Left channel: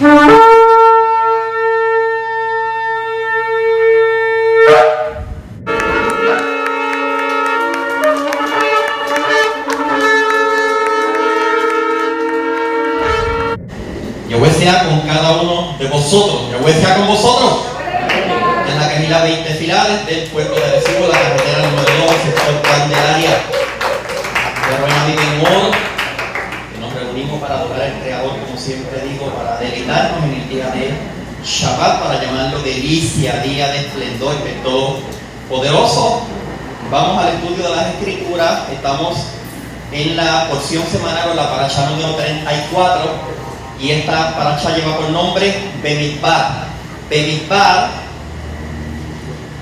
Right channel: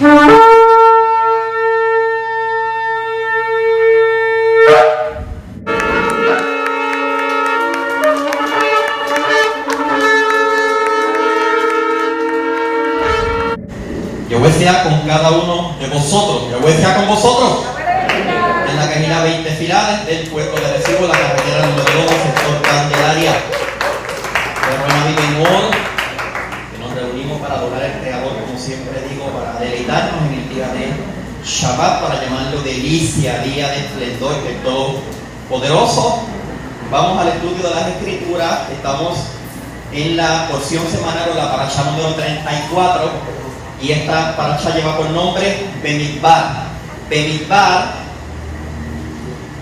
Yahweh sea con cada uno de vosotros. Yahweh sea con vosotros. En la Quejilá 20 Filades del puerto de Recibo, la carretera número 2, sector Candelaria. Pero vive en oro, que nos reunimos para adorar al Creador, como siempre digo, para deleitarnos en el día de Shabbat, para llamarlo delicia, día de esplendor del Todopoderoso. Vamos al estudio de las Escrituras. Estamos en la porción semanal o la parashá número 34. Y esta parashá lleva por nombre Bemidbar. Bemidbar,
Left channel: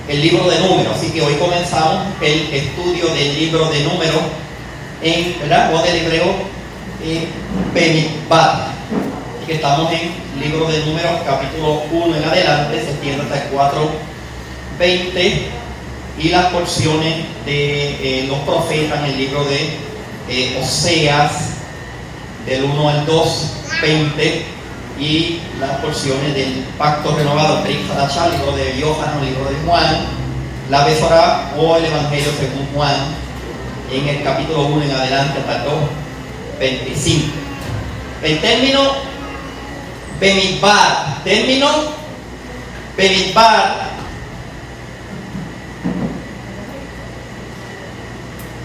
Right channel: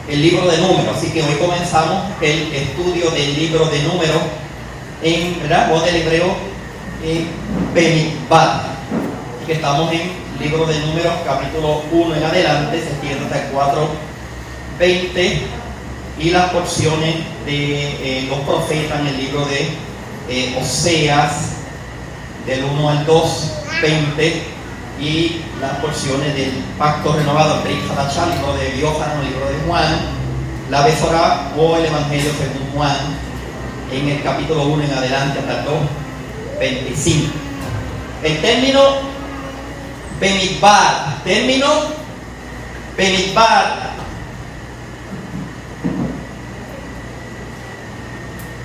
el libro de Números. Así que hoy comenzamos el estudio del libro de Números en, ¿verdad?, o del hebreo Bemidbar. Así que estamos en el libro de Números, capítulo 1 en adelante, se extiende hasta el 4:20, y las porciones de los profetas en el libro de Oseas, del 1 al 2:20, y las porciones del Pacto Renovado, el Brit Hadashah, el libro de Yohanan, el libro de Juan, la Besorá o el Evangelio según Juan, en el capítulo 1 en adelante hasta el 2:25. El término Bemidbar,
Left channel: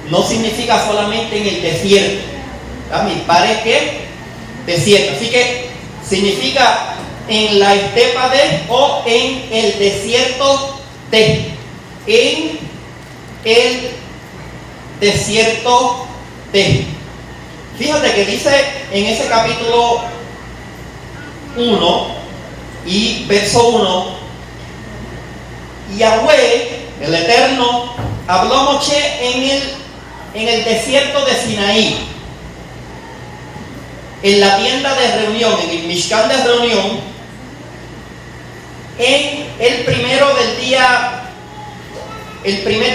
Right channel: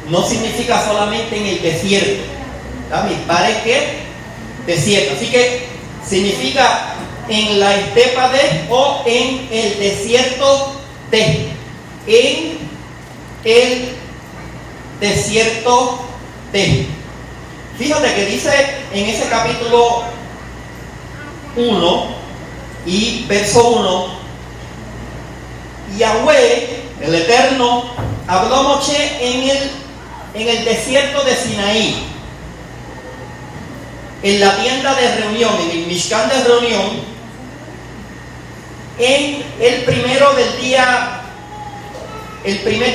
no significa solamente en el desierto. Bemidbar es que desierto, así que significa en la estepa de, o en el desierto de, en el desierto de. Fíjate que dice en ese capítulo 1 y verso 1: Yahweh, el Eterno, habló a Moshe en el desierto de Sinaí, en la tienda de reunión, en el Mishkan de reunión, en el primer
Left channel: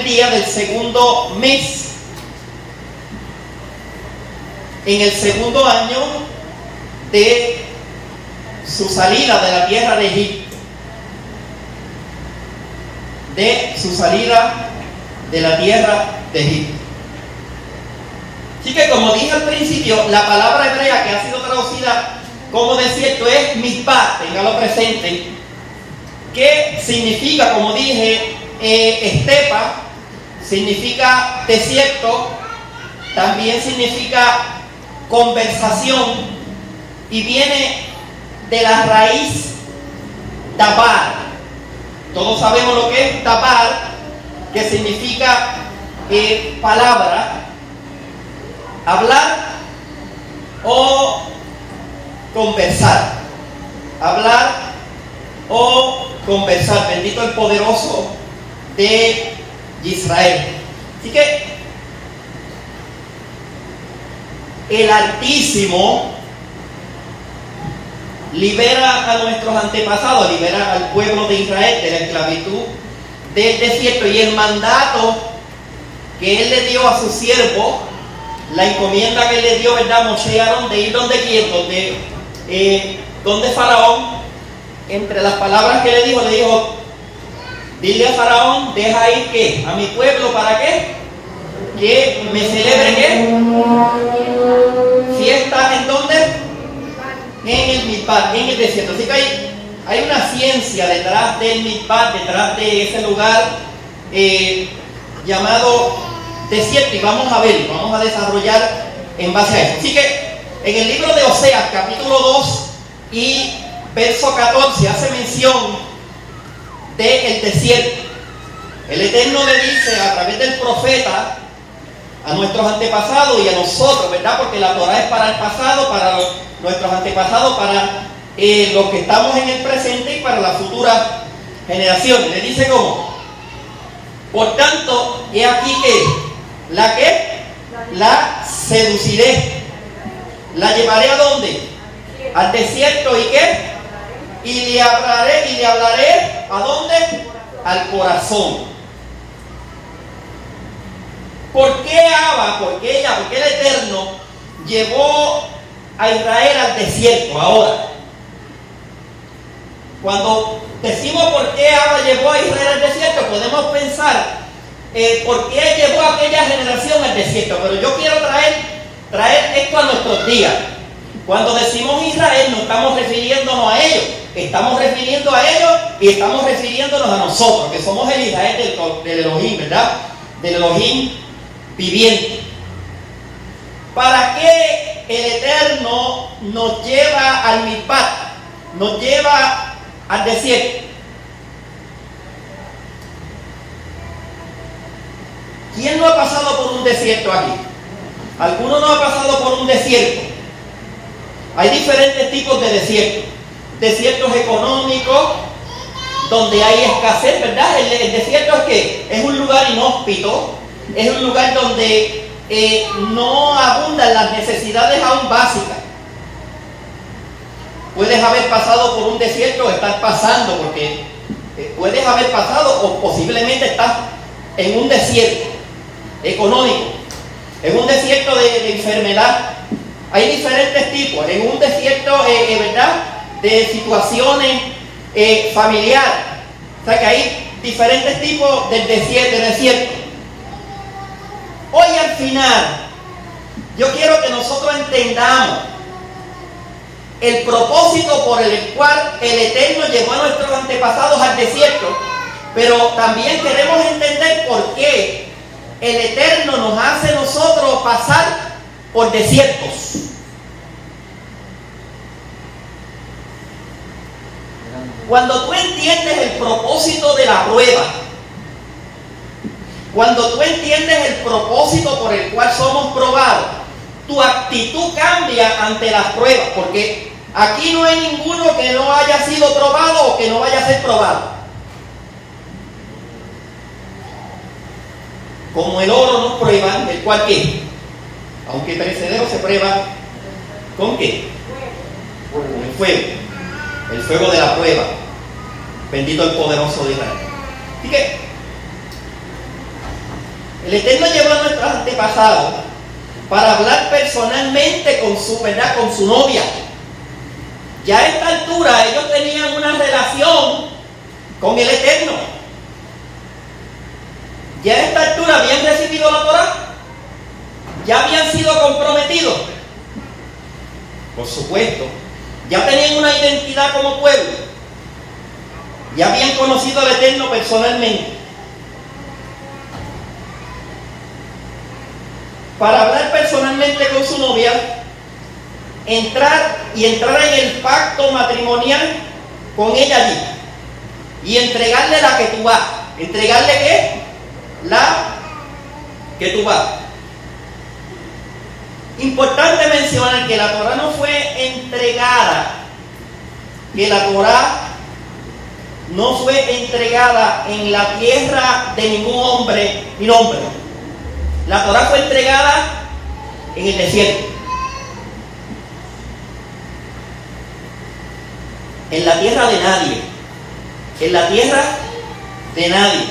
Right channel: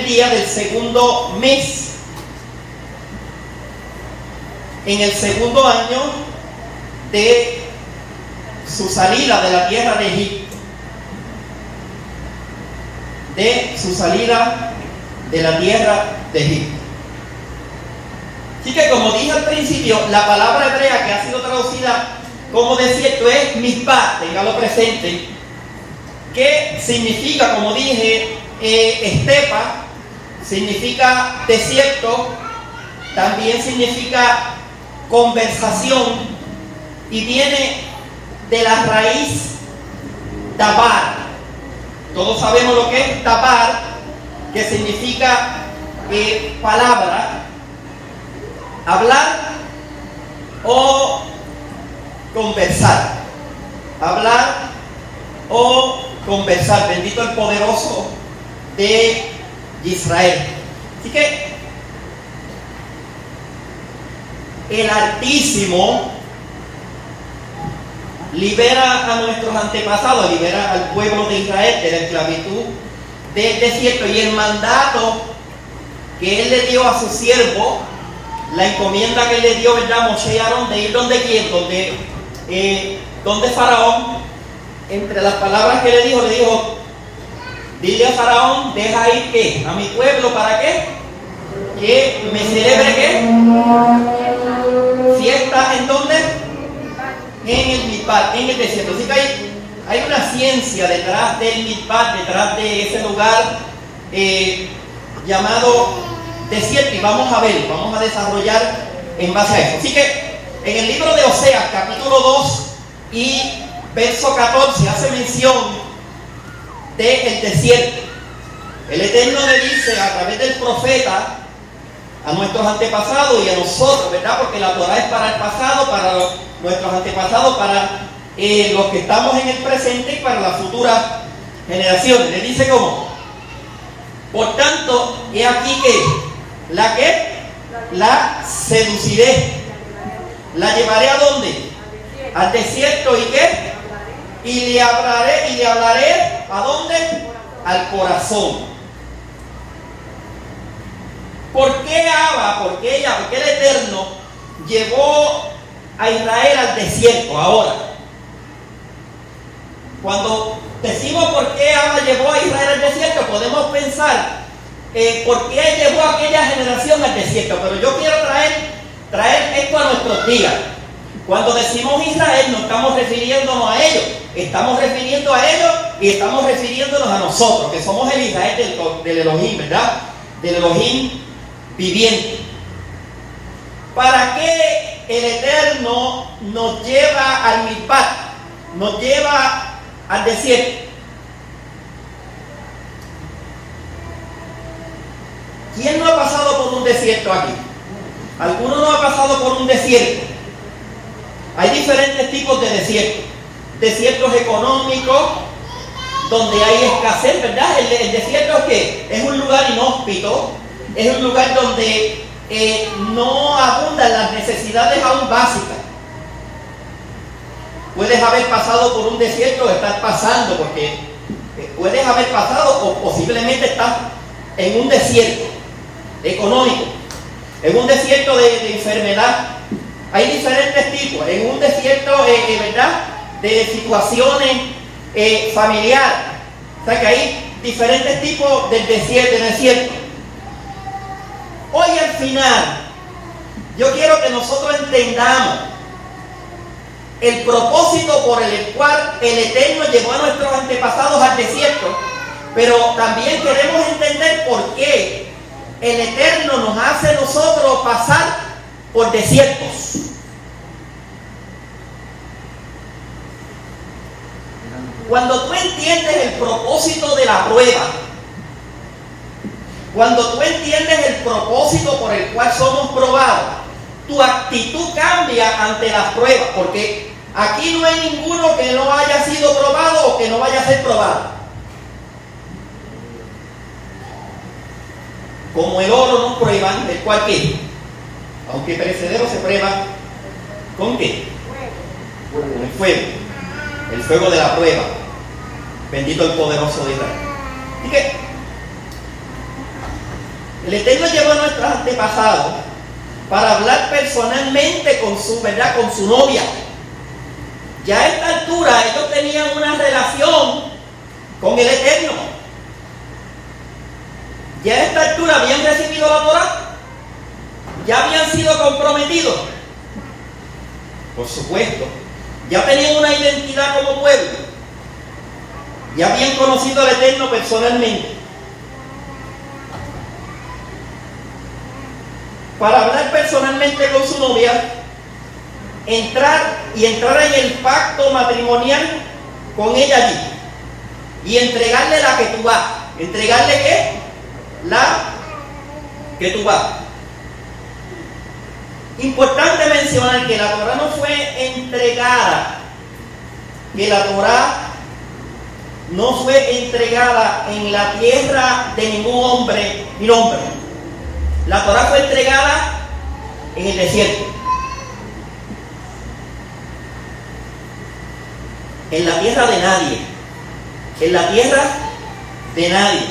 día del segundo mes, en el segundo año de su salida de la tierra de Egipto, de su salida de la tierra de Egipto. Así que, como dije al principio, la palabra hebrea que ha sido traducida como desierto es Mizpah, téngalo presente, que significa, como dije, estepa, significa desierto, también significa conversación, y viene de la raíz tapar. Todos sabemos lo que es tapar, que significa palabra, hablar o conversar. Hablar o conversar. Bendito el poderoso de Israel. Así que el Altísimo libera a nuestros antepasados, libera al pueblo de Israel de la esclavitud del desierto, y el mandato que él le dio a su siervo, la encomienda que le dio, ¿verdad?, Moshe y Aarón, de ir donde quién, donde Faraón. Entre las palabras que le dijo, dile a Faraón, deja ir ¿qué? A mi pueblo, ¿para qué? Que me celebre ¿qué? Fiesta, ¿en dónde? En el Mizpah, en el desierto. Así que hay una ciencia detrás del Mizpah, detrás de ese lugar llamado desierto, y vamos a desarrollar en base a eso. Así que en el libro de Oseas, capítulo 2 y verso 14, hace mención del desierto. El Eterno le dice a través del profeta a nuestros antepasados y a nosotros, ¿verdad? Porque la Torah es para el pasado, para nuestros antepasados, para los que estamos en el presente y para las futuras generaciones. Le dice cómo: por tanto, he aquí que la seduciré, la llevaré ¿a dónde? Al desierto, ¿y qué? Y le hablaré ¿a dónde? Al corazón. ¿Por qué Abba, por qué el Eterno llevó a Israel al desierto ahora? Cuando decimos por qué Abba llevó a Israel al desierto, podemos pensar por qué llevó a aquella generación al desierto. Pero yo quiero traer esto a nuestros días. Cuando decimos Israel, no estamos refiriéndonos a ellos, estamos refiriendo a ellos y estamos refiriéndonos a nosotros, que somos el Israel del Elohim, ¿verdad? Del Elohim viviente. ¿Para qué el Eterno nos lleva al Mizpat, nos lleva al desierto? ¿Quién no ha pasado por un desierto aquí? ¿Alguno no ha pasado por un desierto? Hay diferentes tipos de desiertos. Desiertos económicos, donde hay escasez, ¿verdad? El desierto es que es un lugar inhóspito, es un lugar donde no abundan las necesidades aún básicas. Puedes haber pasado por un desierto o estar pasando, porque puedes haber pasado o posiblemente estás en un desierto económico, en un desierto de enfermedad. Hay diferentes tipos, en un desierto, ¿verdad?, de situaciones familiares. O sea que hay diferentes tipos de desierto. Hoy al final, yo quiero que nosotros entendamos el propósito por el cual el Eterno llevó a nuestros antepasados al desierto, pero también queremos entender por qué el Eterno nos hace nosotros pasar por desiertos. Cuando tú entiendes el propósito de la prueba, cuando tú entiendes el propósito por el cual somos probados, tu actitud cambia ante las pruebas, porque aquí no hay ninguno que no haya sido probado o que no vaya a ser probado. Como el oro nos prueban, el cual ¿qué? Aunque perecedero, se prueba ¿con qué? Con el fuego. El fuego de la prueba. Bendito el poderoso de Israel. Así que el Eterno llevó a nuestros antepasados para hablar personalmente con su, ¿verdad?, con su novia. Ya a esta altura ellos tenían una relación con el Eterno. Ya a esta altura habían recibido la Torá. Ya habían sido comprometidos. Por supuesto. Ya tenían una identidad como pueblo. Ya habían conocido al Eterno personalmente. Para hablar personalmente con su novia, entrar en el pacto matrimonial con ella allí y entregarle la ketubá. ¿Entregarle qué? La ketubá. Importante mencionar que la Torá no fue entregada, que la Torá no fue entregada en la tierra de ningún hombre ni hombre. La Torá fue entregada en el desierto, en la tierra de nadie, en la tierra de nadie,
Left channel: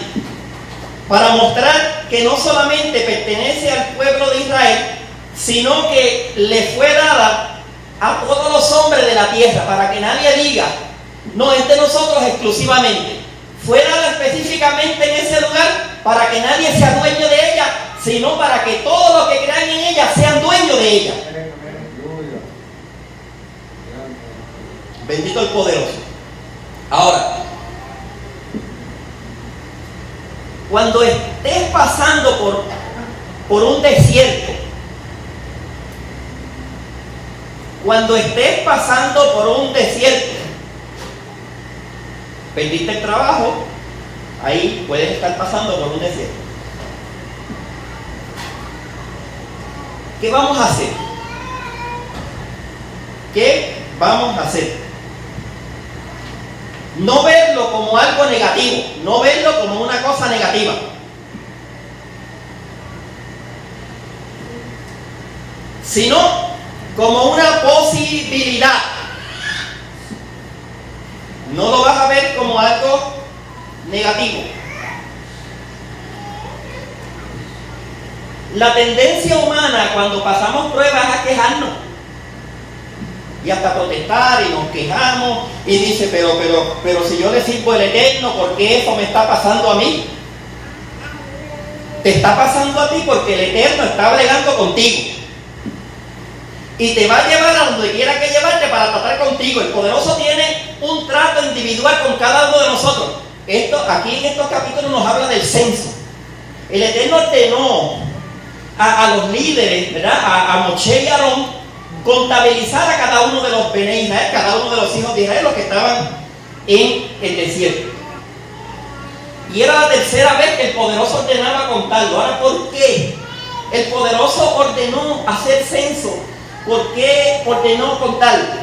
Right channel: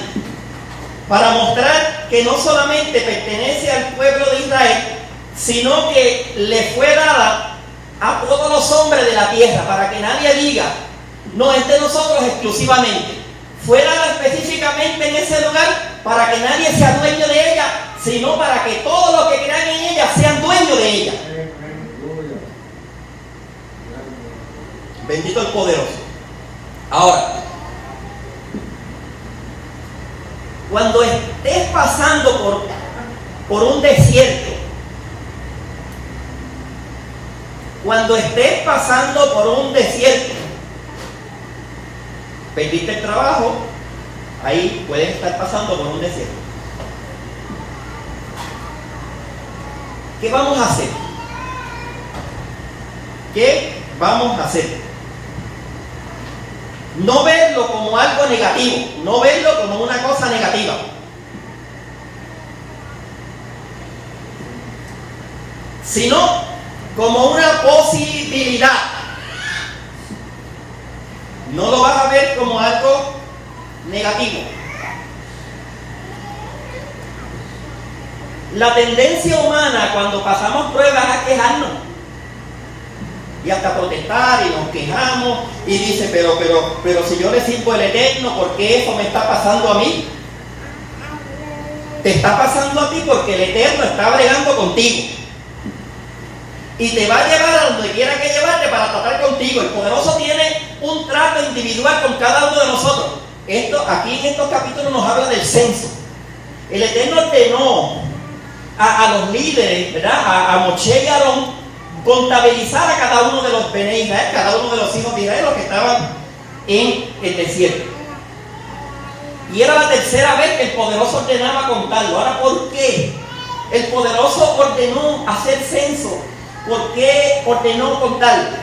para mostrar que no solamente pertenece al pueblo de Israel, sino que le fue dada a todos los hombres de la tierra, para que nadie diga, no, es de nosotros exclusivamente. Fue dada específicamente en ese lugar para que nadie sea dueño de ella, sino para que todos los que crean en ella sean dueños de ella. Bendito el poderoso. Ahora, cuando estés pasando por un desierto, cuando estés pasando por un desierto, perdiste el trabajo, ahí puedes estar pasando por un desierto. ¿Qué vamos a hacer? ¿Qué vamos a hacer? No verlo como algo negativo, no verlo como una cosa negativa. Sino como una posibilidad. No lo vas a ver como algo negativo. La tendencia humana cuando pasamos pruebas es a quejarnos. y hasta protestar y nos quejamos y dice, pero si yo le sirvo al Eterno, ¿por qué eso me está pasando a mí? Te está pasando a ti porque el Eterno está bregando contigo y te va a llevar a donde quiera que llevarte para tratar contigo. El Poderoso tiene un trato individual con cada uno de nosotros. Aquí en estos capítulos nos habla del censo. El Eterno ordenó a los líderes, ¿verdad? A Moshe y Aarón, contabilizar a cada uno de los Bene Israel, cada uno de los hijos de Israel, los que estaban en el desierto. Y era la tercera vez que el Poderoso ordenaba contarlo. Ahora, ¿por qué el Poderoso ordenó hacer censo? ¿Por qué ordenó contarlo?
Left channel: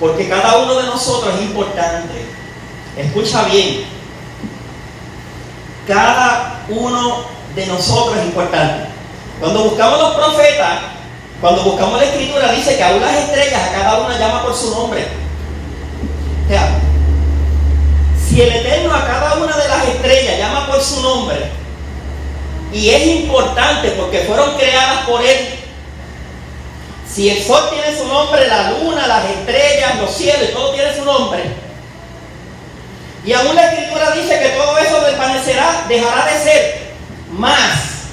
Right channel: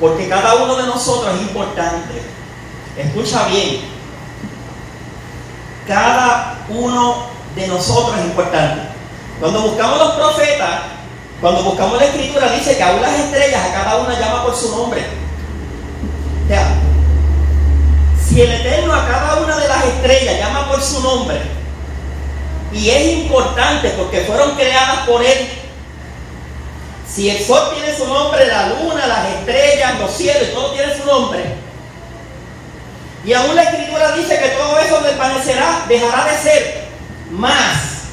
Porque cada uno de nosotros es importante. Escucha bien. Cada uno de nosotros es importante. Cuando buscamos los profetas, cuando buscamos la escritura, dice que aún las estrellas a cada una llama por su nombre. O sea, si el Eterno a cada una de las estrellas llama por su nombre, y es importante porque fueron creadas por Él. Si el sol tiene su nombre, la luna, las estrellas, los cielos, todo tiene su nombre. Y aún la escritura dice que todo eso desvanecerá, dejará de ser. Más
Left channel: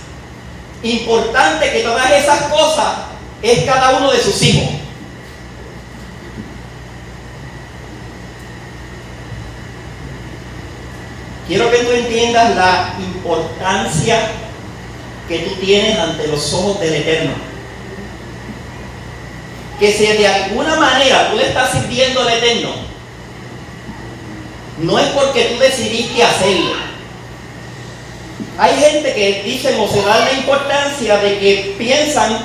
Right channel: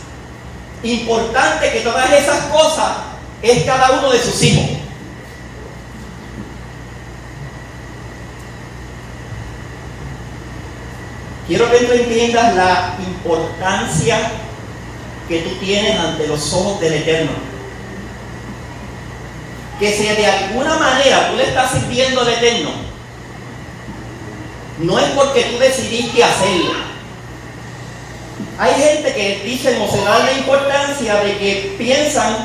importante que todas esas cosas es cada uno de sus hijos. Quiero que tú entiendas la importancia que tú tienes ante los ojos del Eterno. Que si de alguna manera tú le estás sirviendo al Eterno, no es porque tú decidiste hacerlo. Hay gente que dicen o se da la importancia de que piensan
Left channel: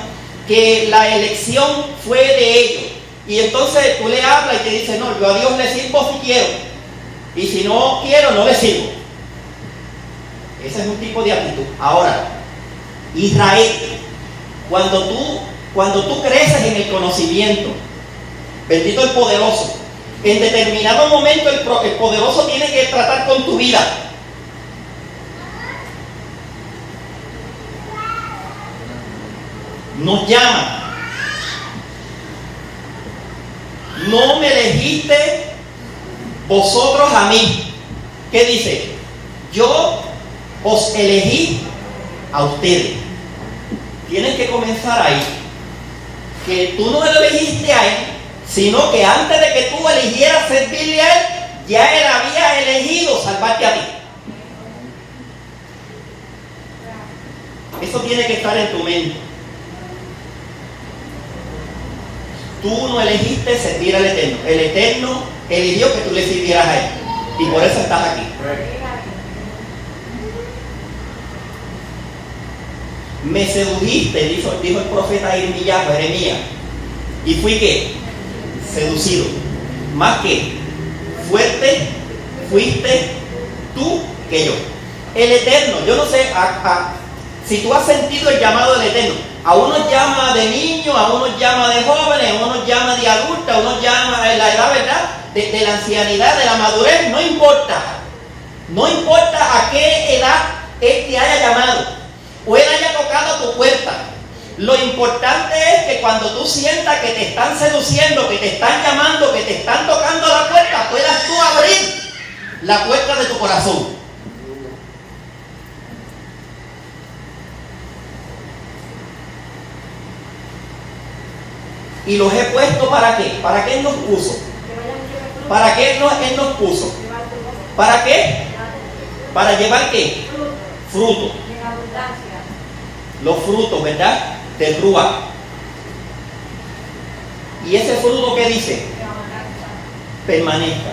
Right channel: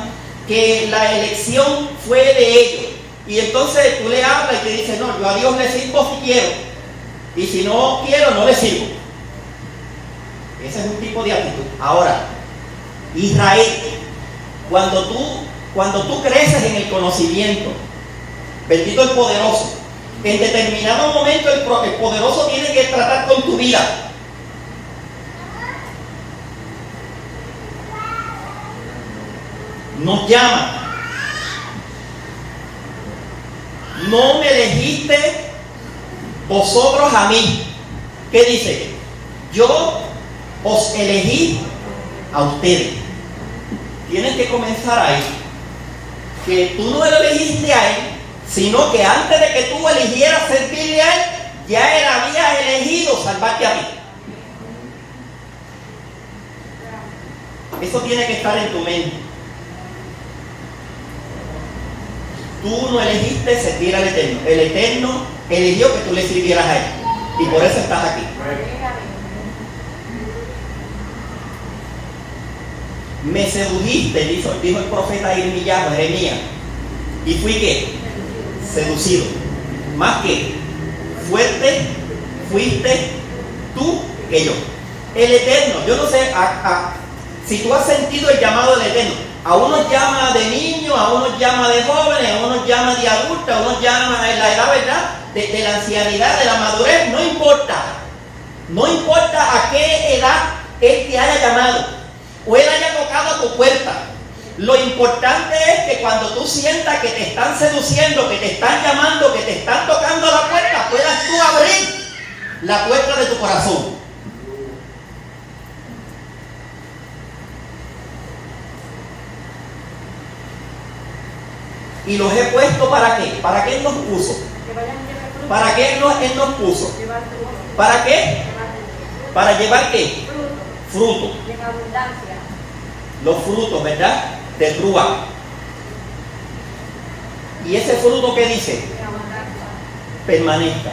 que la elección fue de ellos. Y entonces tú le hablas y te dice, no, yo a Dios le sirvo si quiero. Y si no quiero, no le sirvo. Ese es un tipo de actitud. Ahora, Israel, cuando tú creces en el conocimiento, bendito el Poderoso, en determinado momento el Poderoso tiene que tratar con tu vida. Nos llama. No me elegiste vosotros a mí. ¿Qué dice? Yo os elegí a ustedes. Tienes que comenzar ahí. Que tú no lo elegiste a Él, sino que antes de que tú eligieras servirle a Él, ya Él había elegido salvarte a ti. Eso tiene que estar en tu mente. Tú no elegiste servir al Eterno. El Eterno eligió que tú le sirvieras a Él. Y por eso estás aquí. Me sedujiste, dijo el profeta Jeremías, y fui ¿qué? Seducido. Más que fuerte fuiste tú que yo. El Eterno, yo no sé si tú has sentido el llamado del Eterno. A unos llama de niños, a unos llama de jóvenes, a unos llama de adultos, a unos llama en la edad, ¿verdad? De la ancianidad, de la madurez, no importa. No importa a qué edad Él te haya llamado o Él haya tocado tu puerta. Lo importante es que cuando tú sientas que te están seduciendo, que te están llamando, que te están tocando la puerta, puedas tú abrir la puerta de tu corazón. Y los he puesto ¿para qué? ¿Para qué Él nos puso? ¿Para qué Él nos puso? ¿Para qué? ¿Para llevar qué? Fruto. Los frutos, ¿verdad? Del Ruach. Y ese fruto que dice, permanezca.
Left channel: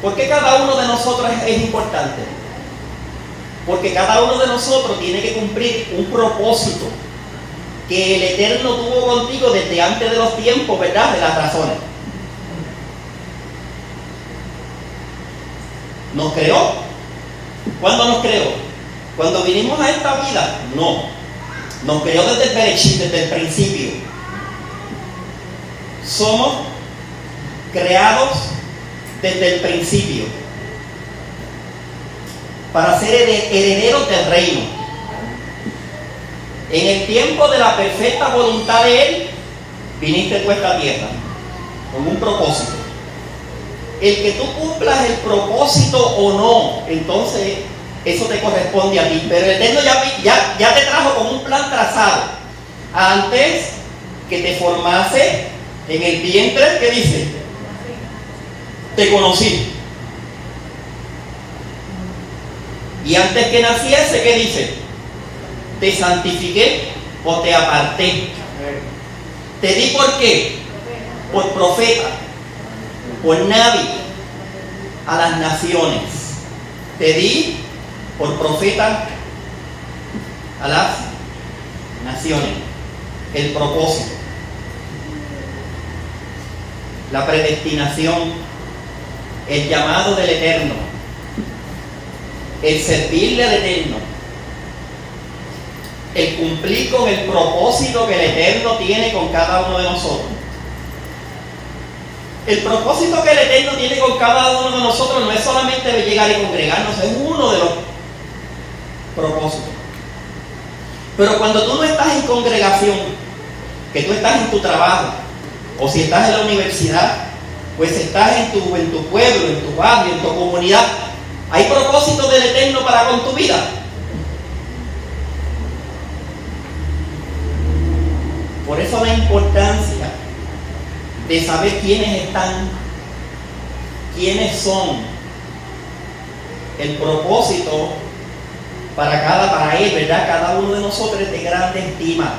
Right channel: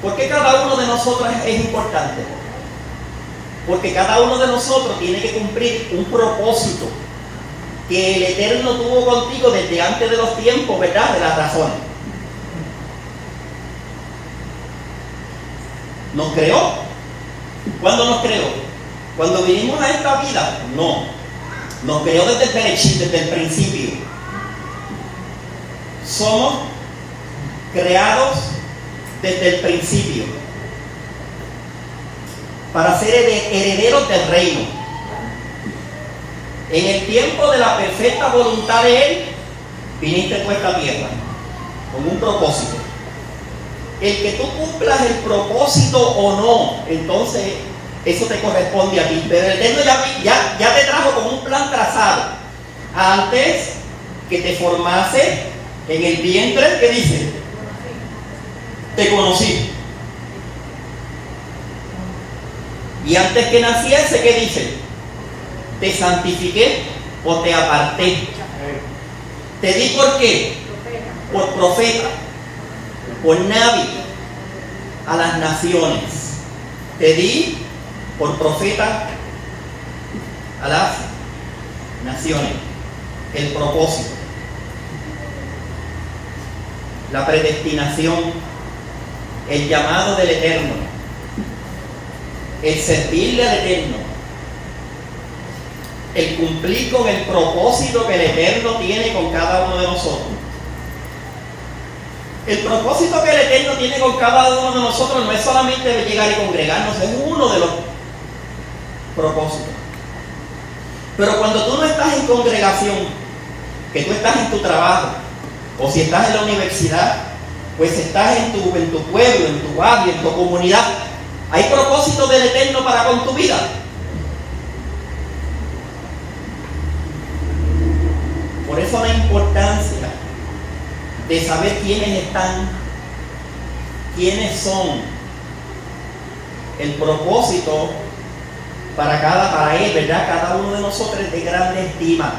¿Por qué cada uno de nosotros es importante? Porque cada uno de nosotros tiene que cumplir un propósito que el Eterno tuvo contigo desde antes de los tiempos, ¿verdad? De las razones. ¿Nos creó? ¿Cuándo nos creó? ¿Cuando vinimos a esta vida? No. Nos creó desde el principio. Somos creados desde el principio. para ser herederos del reino. En el tiempo de la perfecta voluntad de Él, viniste tú a esta tierra, con un propósito. El que tú cumplas el propósito o no, entonces eso te corresponde a ti. Pero el Eterno ya te trajo con un plan trazado. Antes que te formase en el vientre, ¿qué dice? Te conocí. Y antes que naciese, ¿qué dice? Te santifiqué o te aparté. Te di ¿por qué? Por profeta, por nabi a las naciones. Te di por profeta a las naciones. El propósito, la predestinación, el llamado del Eterno, el servirle al Eterno, el cumplir con el propósito que el Eterno tiene con cada uno de nosotros. El propósito que el Eterno tiene con cada uno de nosotros no es solamente de llegar y congregarnos, es uno de los propósitos. Pero cuando tú no estás en congregación, que tú estás en tu trabajo, o si estás en la universidad, pues estás en tu pueblo, en tu barrio, en tu comunidad, ¿hay propósito del Eterno para con tu vida? Por eso la importancia de saber quiénes están, quiénes son, el propósito para él, ¿verdad? Cada uno de nosotros es de grande estima.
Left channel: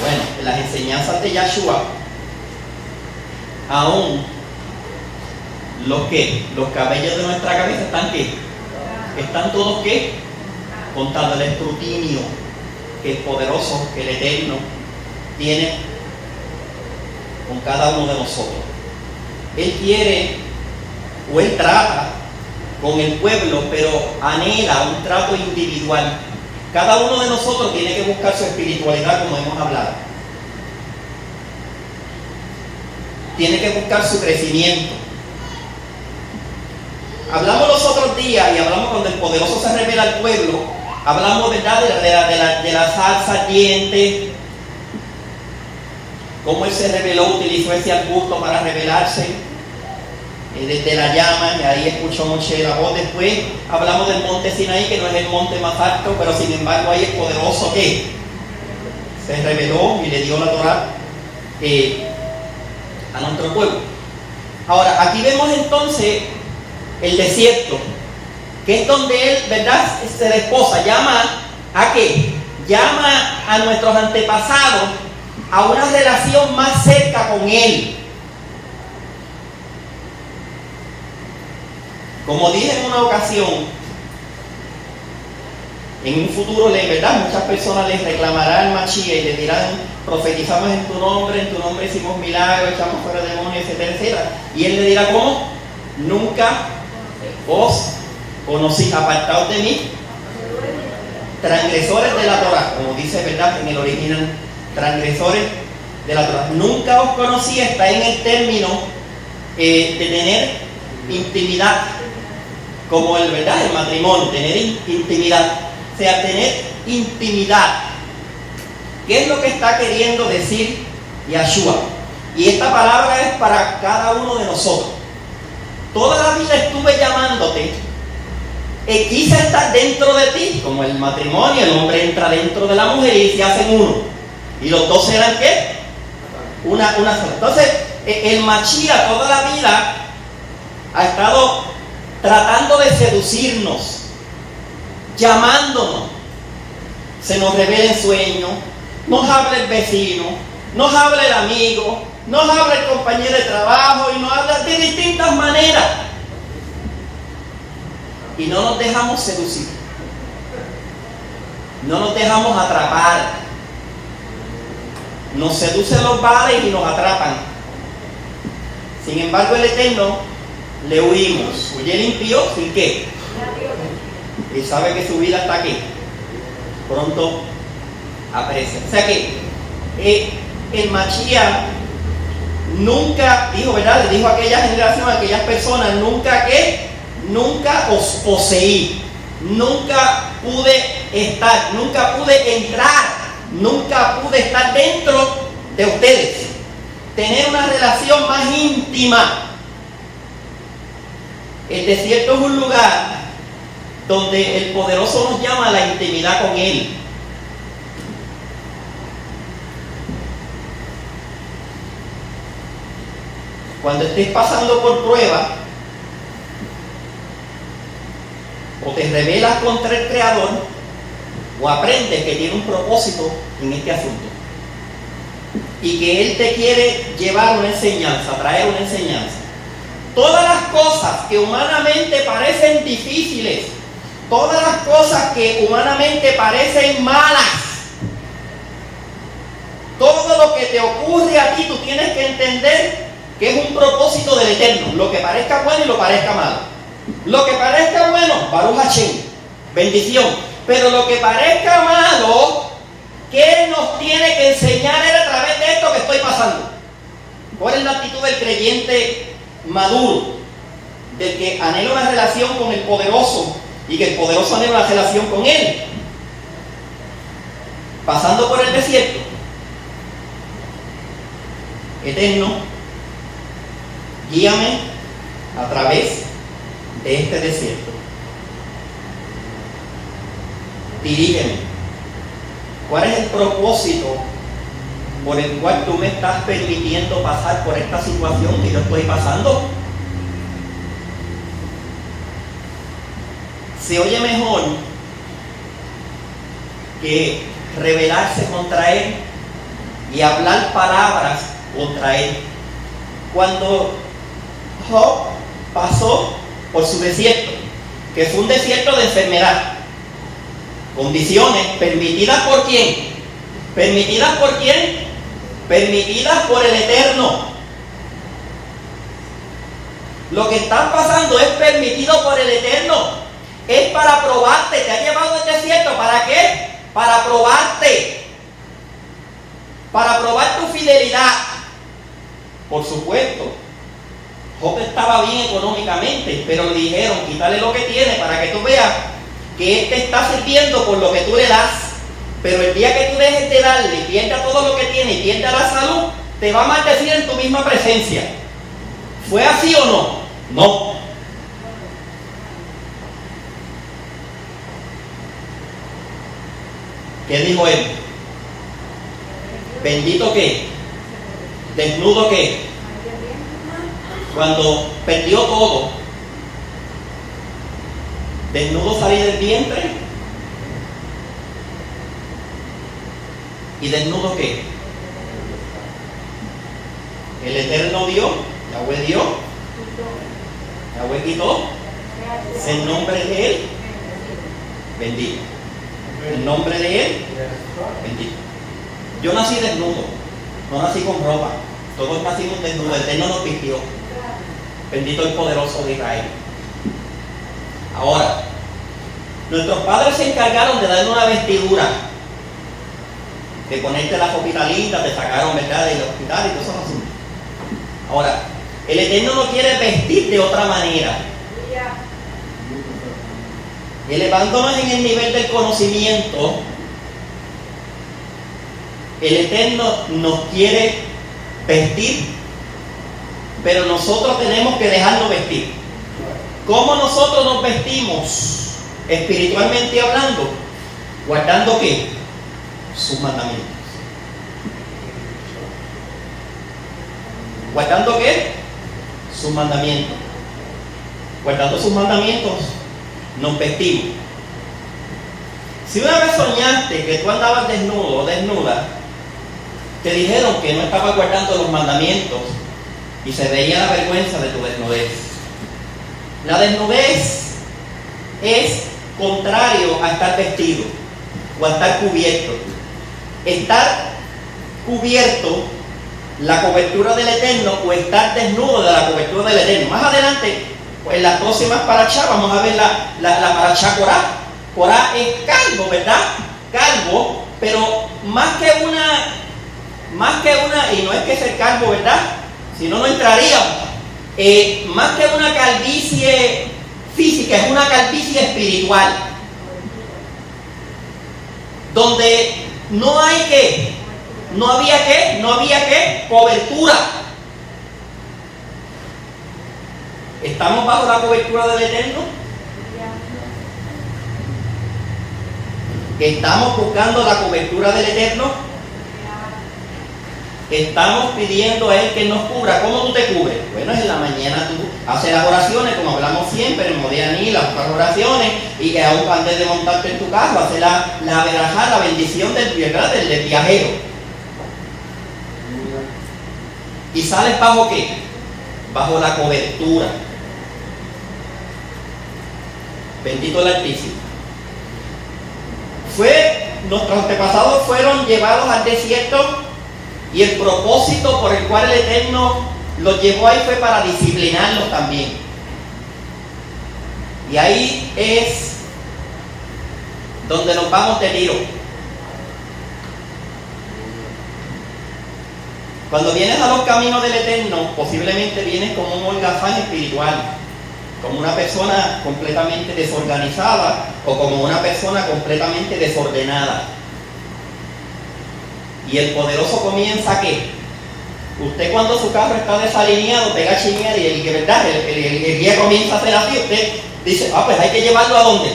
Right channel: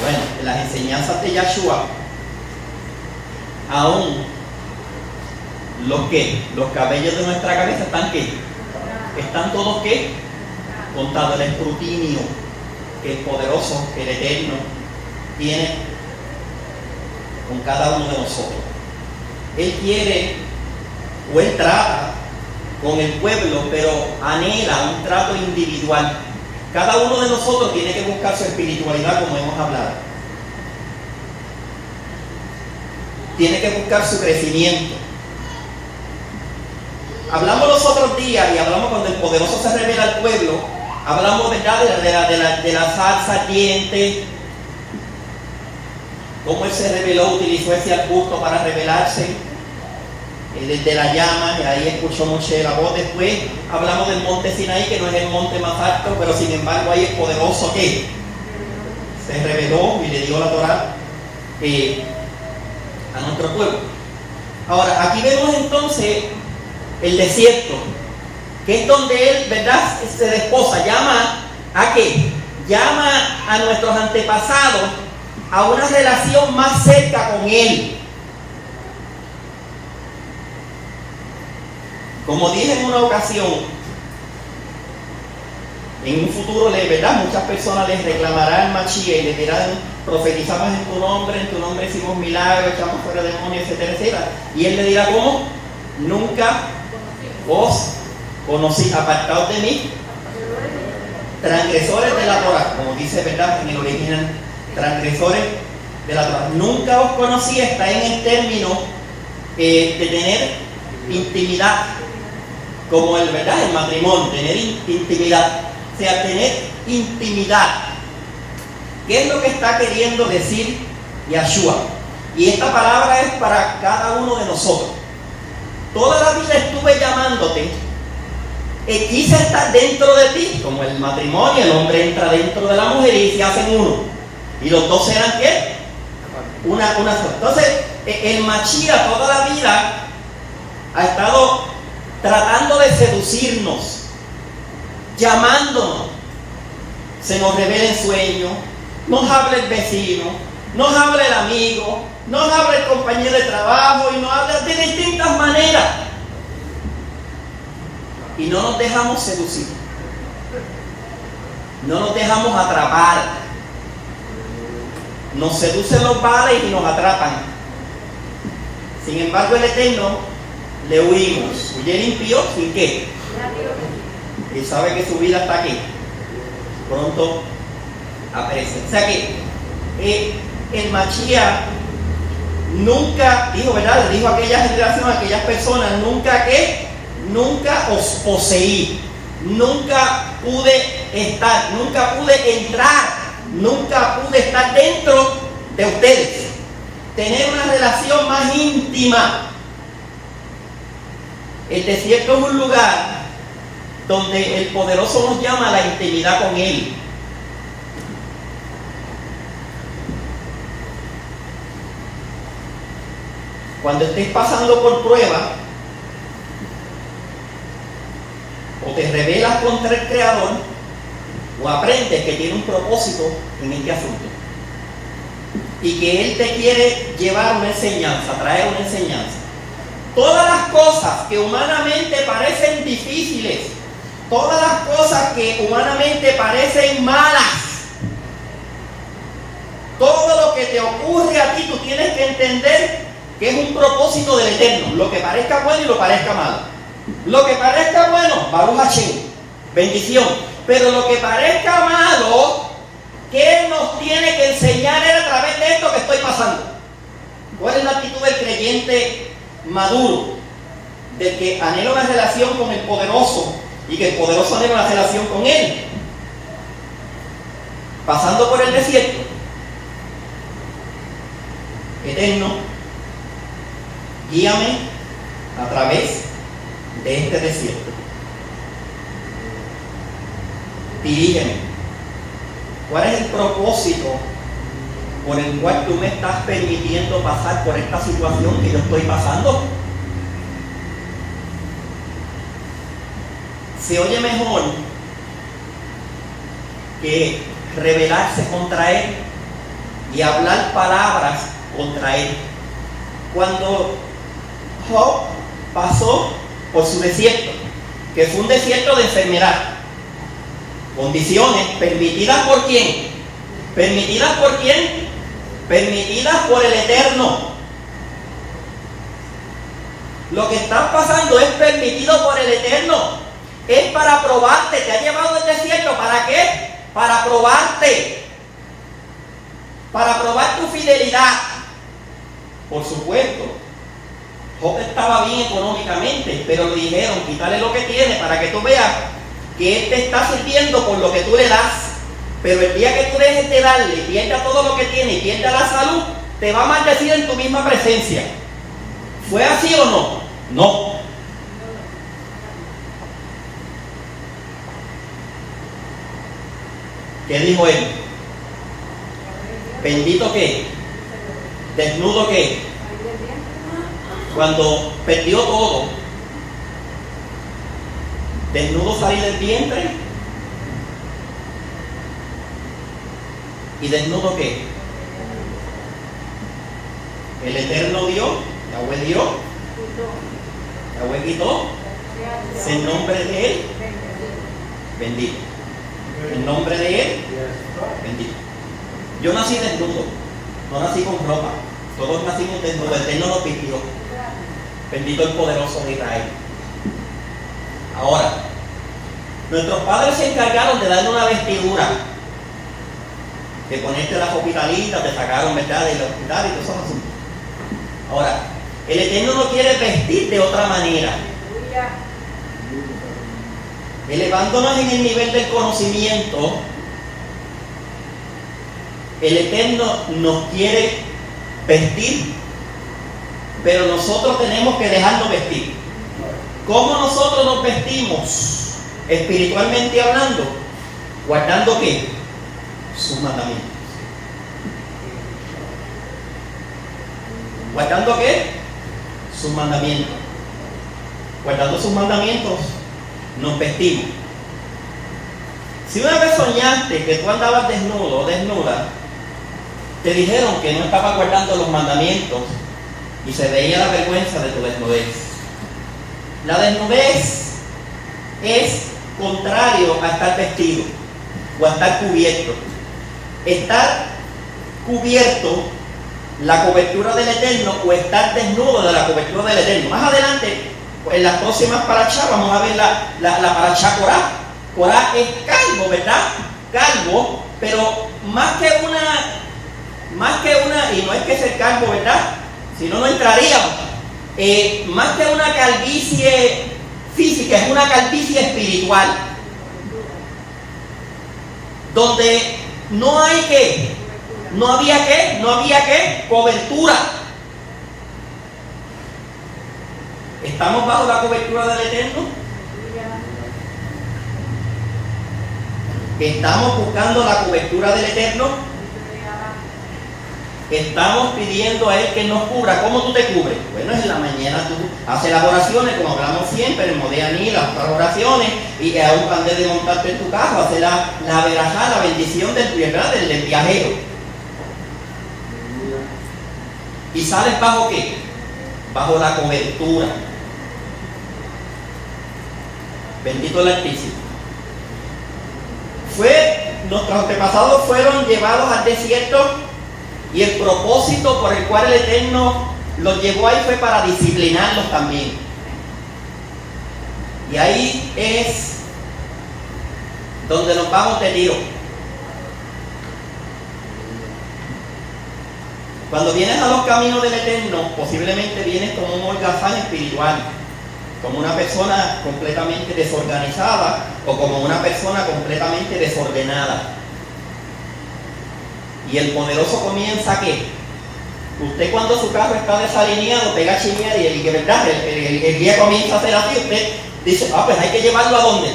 Bueno, en las enseñanzas de Yahshua, aún los cabellos de nuestra cabeza están ¿qué? Están todos ¿qué? Contados. El escrutinio que el poderoso, que el Eterno tiene con cada uno de nosotros. Él quiere o Él trata con el pueblo, pero anhela un trato individual. Cada uno de nosotros tiene que buscar su espiritualidad, como hemos hablado. Tiene que buscar su crecimiento. Hablamos los otros días y hablamos cuando el poderoso se revela al pueblo. Hablamos, ¿verdad?, de la zarza ardiente. Cómo Él se reveló, utilizó ese arbusto para revelarse desde la llama, y ahí escuchó Moshe la voz. Después hablamos del monte Sinaí, que no es el monte más alto, pero sin embargo ahí el poderoso que se reveló y le dio la Torá a nuestro pueblo. Ahora, aquí vemos entonces el desierto, que es donde Él, ¿verdad?, se desposa. Llama ¿a qué? Llama a nuestros antepasados a una relación más cerca con Él. Como dije en una ocasión, en un futuro, ¿verdad?, muchas personas les reclamarán Machía y les dirán: profetizamos en tu nombre hicimos milagros, echamos fuera demonios, etcétera, etcétera. Y Él le dirá: ¿cómo? Nunca os conocí, apartados de mí, transgresores de la Torá, como dice, ¿verdad?, en el original, transgresores de la Torá. Nunca os conocí está en el término de tener intimidad, como el, ¿verdad?, el matrimonio, tener intimidad. O sea, tener intimidad. ¿Qué es lo que está queriendo decir Yahshua? Y esta palabra es para cada uno de nosotros. Toda la vida estuve llamándote, quise estar dentro de ti, como el matrimonio, el hombre entra dentro de la mujer y se hacen uno. Y los dos serán ¿qué? Una sola. Entonces, el Machía toda la vida ha estado tratando de seducirnos, llamándonos. Se nos revela en sueños, nos habla el vecino, nos habla el amigo, nos habla el compañero de trabajo y nos habla de distintas maneras. Y no nos dejamos seducir, no nos dejamos atrapar. Nos seducen los vales y nos atrapan. Sin embargo, el Eterno le huimos. Huye el impío sin qué. Y sabe que su vida está aquí. Pronto aparece. O sea que el Machía nunca dijo, ¿verdad? Le dijo a aquella generación, a aquellas personas, nunca que nunca os poseí, nunca pude estar, nunca pude entrar, nunca pude estar dentro de ustedes, tener una relación más íntima. El desierto es un lugar donde el poderoso nos llama a la intimidad con Él. Cuando estés pasando por pruebas, o te rebelas contra el Creador, o aprendes que tiene un propósito en este asunto, y que Él te quiere llevar una enseñanza, traer una enseñanza. Todas las cosas que humanamente parecen difíciles, todas las cosas que humanamente parecen malas, todo lo que te ocurre a ti, tú tienes que entender que es un propósito del Eterno. Lo que parezca bueno y lo parezca malo. Lo que parezca bueno, Baruch Hashem, bendición. Pero lo que parezca malo, ¿qué nos tiene que enseñar Él a través de esto que estoy pasando? ¿Cuál es la actitud del creyente maduro? Del que anhela una relación con el poderoso y que el poderoso anhela una relación con Él. Pasando por el desierto, Eterno, guíame a través de este desierto. Dirígeme. ¿Cuál es el propósito por el cual tú me estás permitiendo pasar por esta situación que yo estoy pasando? Se oye mejor que rebelarse contra Él y hablar palabras contra Él. Cuando Job pasó por su desierto, que fue un desierto de enfermedad, condiciones permitidas por ¿quién? ¿Permitidas por quién? Permitidas por el Eterno. Lo que está pasando es permitido por el Eterno. Es para probarte. Te ha llevado al desierto. ¿Para qué? Para probarte. Para probar tu fidelidad. Por supuesto, Job estaba bien económicamente, pero le dijeron, quítale lo que tiene para que tú veas que Él te está sirviendo por lo que tú le das. Pero el día que tú dejes de darle, pierda todo lo que tiene y pierda la salud, te va a maldecir en tu misma presencia. ¿Fue así o no? No. ¿Qué dijo él? ¿Bendito qué? ¿Desnudo qué? Cuando perdió todo, desnudo salí del vientre. ¿Y desnudo qué? El Eterno dio, Yahweh dio, Yahweh quitó, el nombre de Él, bendito. El nombre de Él, bendito. Yo nací desnudo, no nací con ropa, todos nacimos desnudos, el Eterno nos vistió. Bendito el poderoso de Israel. Ahora, nuestros padres se encargaron de darle una vestidura, de ponerte las hospitalitas, te sacaron, ¿verdad?, del hospital y todo eso así. Ahora, el Eterno no quiere vestir de otra manera. Elevándonos en el nivel del conocimiento, el Eterno nos quiere vestir, pero nosotros tenemos que dejarnos vestir. ¿Cómo nosotros nos vestimos espiritualmente hablando? ¿Guardando qué? Sus mandamientos. ¿Guardando qué? Sus mandamientos. Guardando sus mandamientos, nos vestimos. Si una vez soñaste que tú andabas desnudo o desnuda, te dijeron que no estabas guardando los mandamientos y se veía la vergüenza de tu desnudez. La desnudez es contrario a estar vestido o a estar cubierto. Estar cubierto, la cobertura del Eterno, o estar desnudo de la cobertura del Eterno. Más adelante, en las próximas parachá, vamos a ver la parachá Corá. Corá es calvo, ¿verdad? Calvo, pero más que una, y no es que ser calvo, ¿verdad? Si no, no entraríamos. Más que una calvicie física, es una calvicie espiritual. Donde no había cobertura. ¿Estamos bajo la cobertura del Eterno? ¿Estamos buscando la cobertura del Eterno? Estamos pidiendo a Él que nos cubra. ¿Cómo tú te cubres? Bueno, en la mañana tú haces las oraciones, como hablamos siempre, en Modianí, las oraciones, y aún antes de montarte en tu carro, haces la verajá, la bendición del viajero. ¿Y sales bajo qué? Bajo la cobertura. Bendito el Altísimo. Nuestros antepasados fueron llevados al desierto y el propósito por el cual el Eterno los llevó ahí fue para disciplinarlos también. Y ahí es donde nos vamos de tiro. Cuando vienes a los caminos del Eterno, posiblemente vienes como un holgazán espiritual, como una persona completamente desorganizada o como una persona completamente desordenada. Y el poderoso comienza ¿qué? Usted cuando su carro está desalineado pega a chinear y el guía comienza a hacer así, usted dice, pues hay que llevarlo ¿a dónde?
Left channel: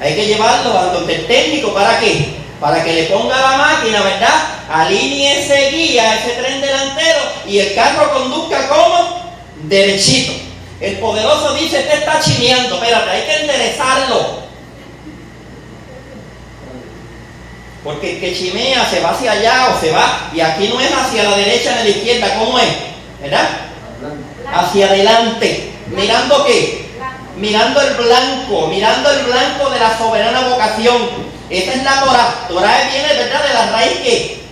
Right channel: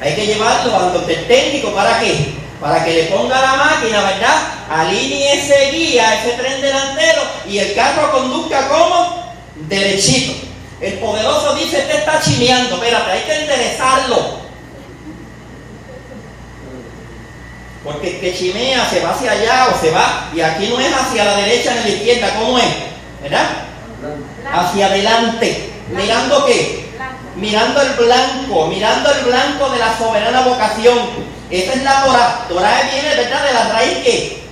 Hay que llevarlo a donde el técnico, ¿para qué? Para que le ponga la máquina, ¿verdad? Alinee ese guía, ese tren delantero y el carro conduzca como derechito. El poderoso dice, este está chineando, espérate, hay que enderezarlo. Porque el que chimea se va hacia allá o se va, y aquí no es hacia la derecha ni a la izquierda, ¿cómo es? ¿Verdad? Hacia adelante. ¿Mirando qué? Mirando el blanco de la soberana vocación. Esa es la Torah. Torah viene, ¿verdad?, de la raíz que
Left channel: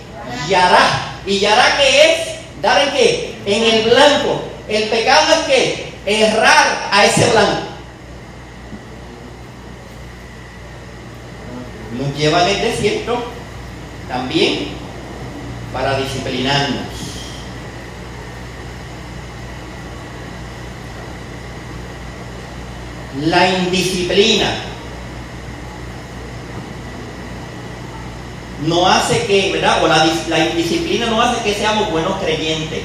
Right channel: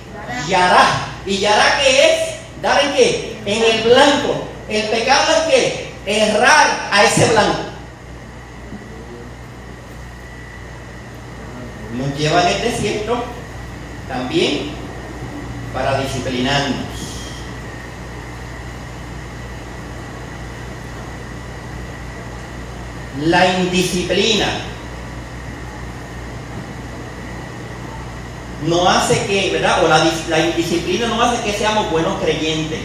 Yará. ¿Y Yará qué es? ¿Dar en qué? En el blanco. El pecado es que errar a ese blanco. Nos lleva al desierto también para disciplinarnos. La indisciplina no hace que, ¿verdad? O la indisciplina no hace que seamos buenos creyentes.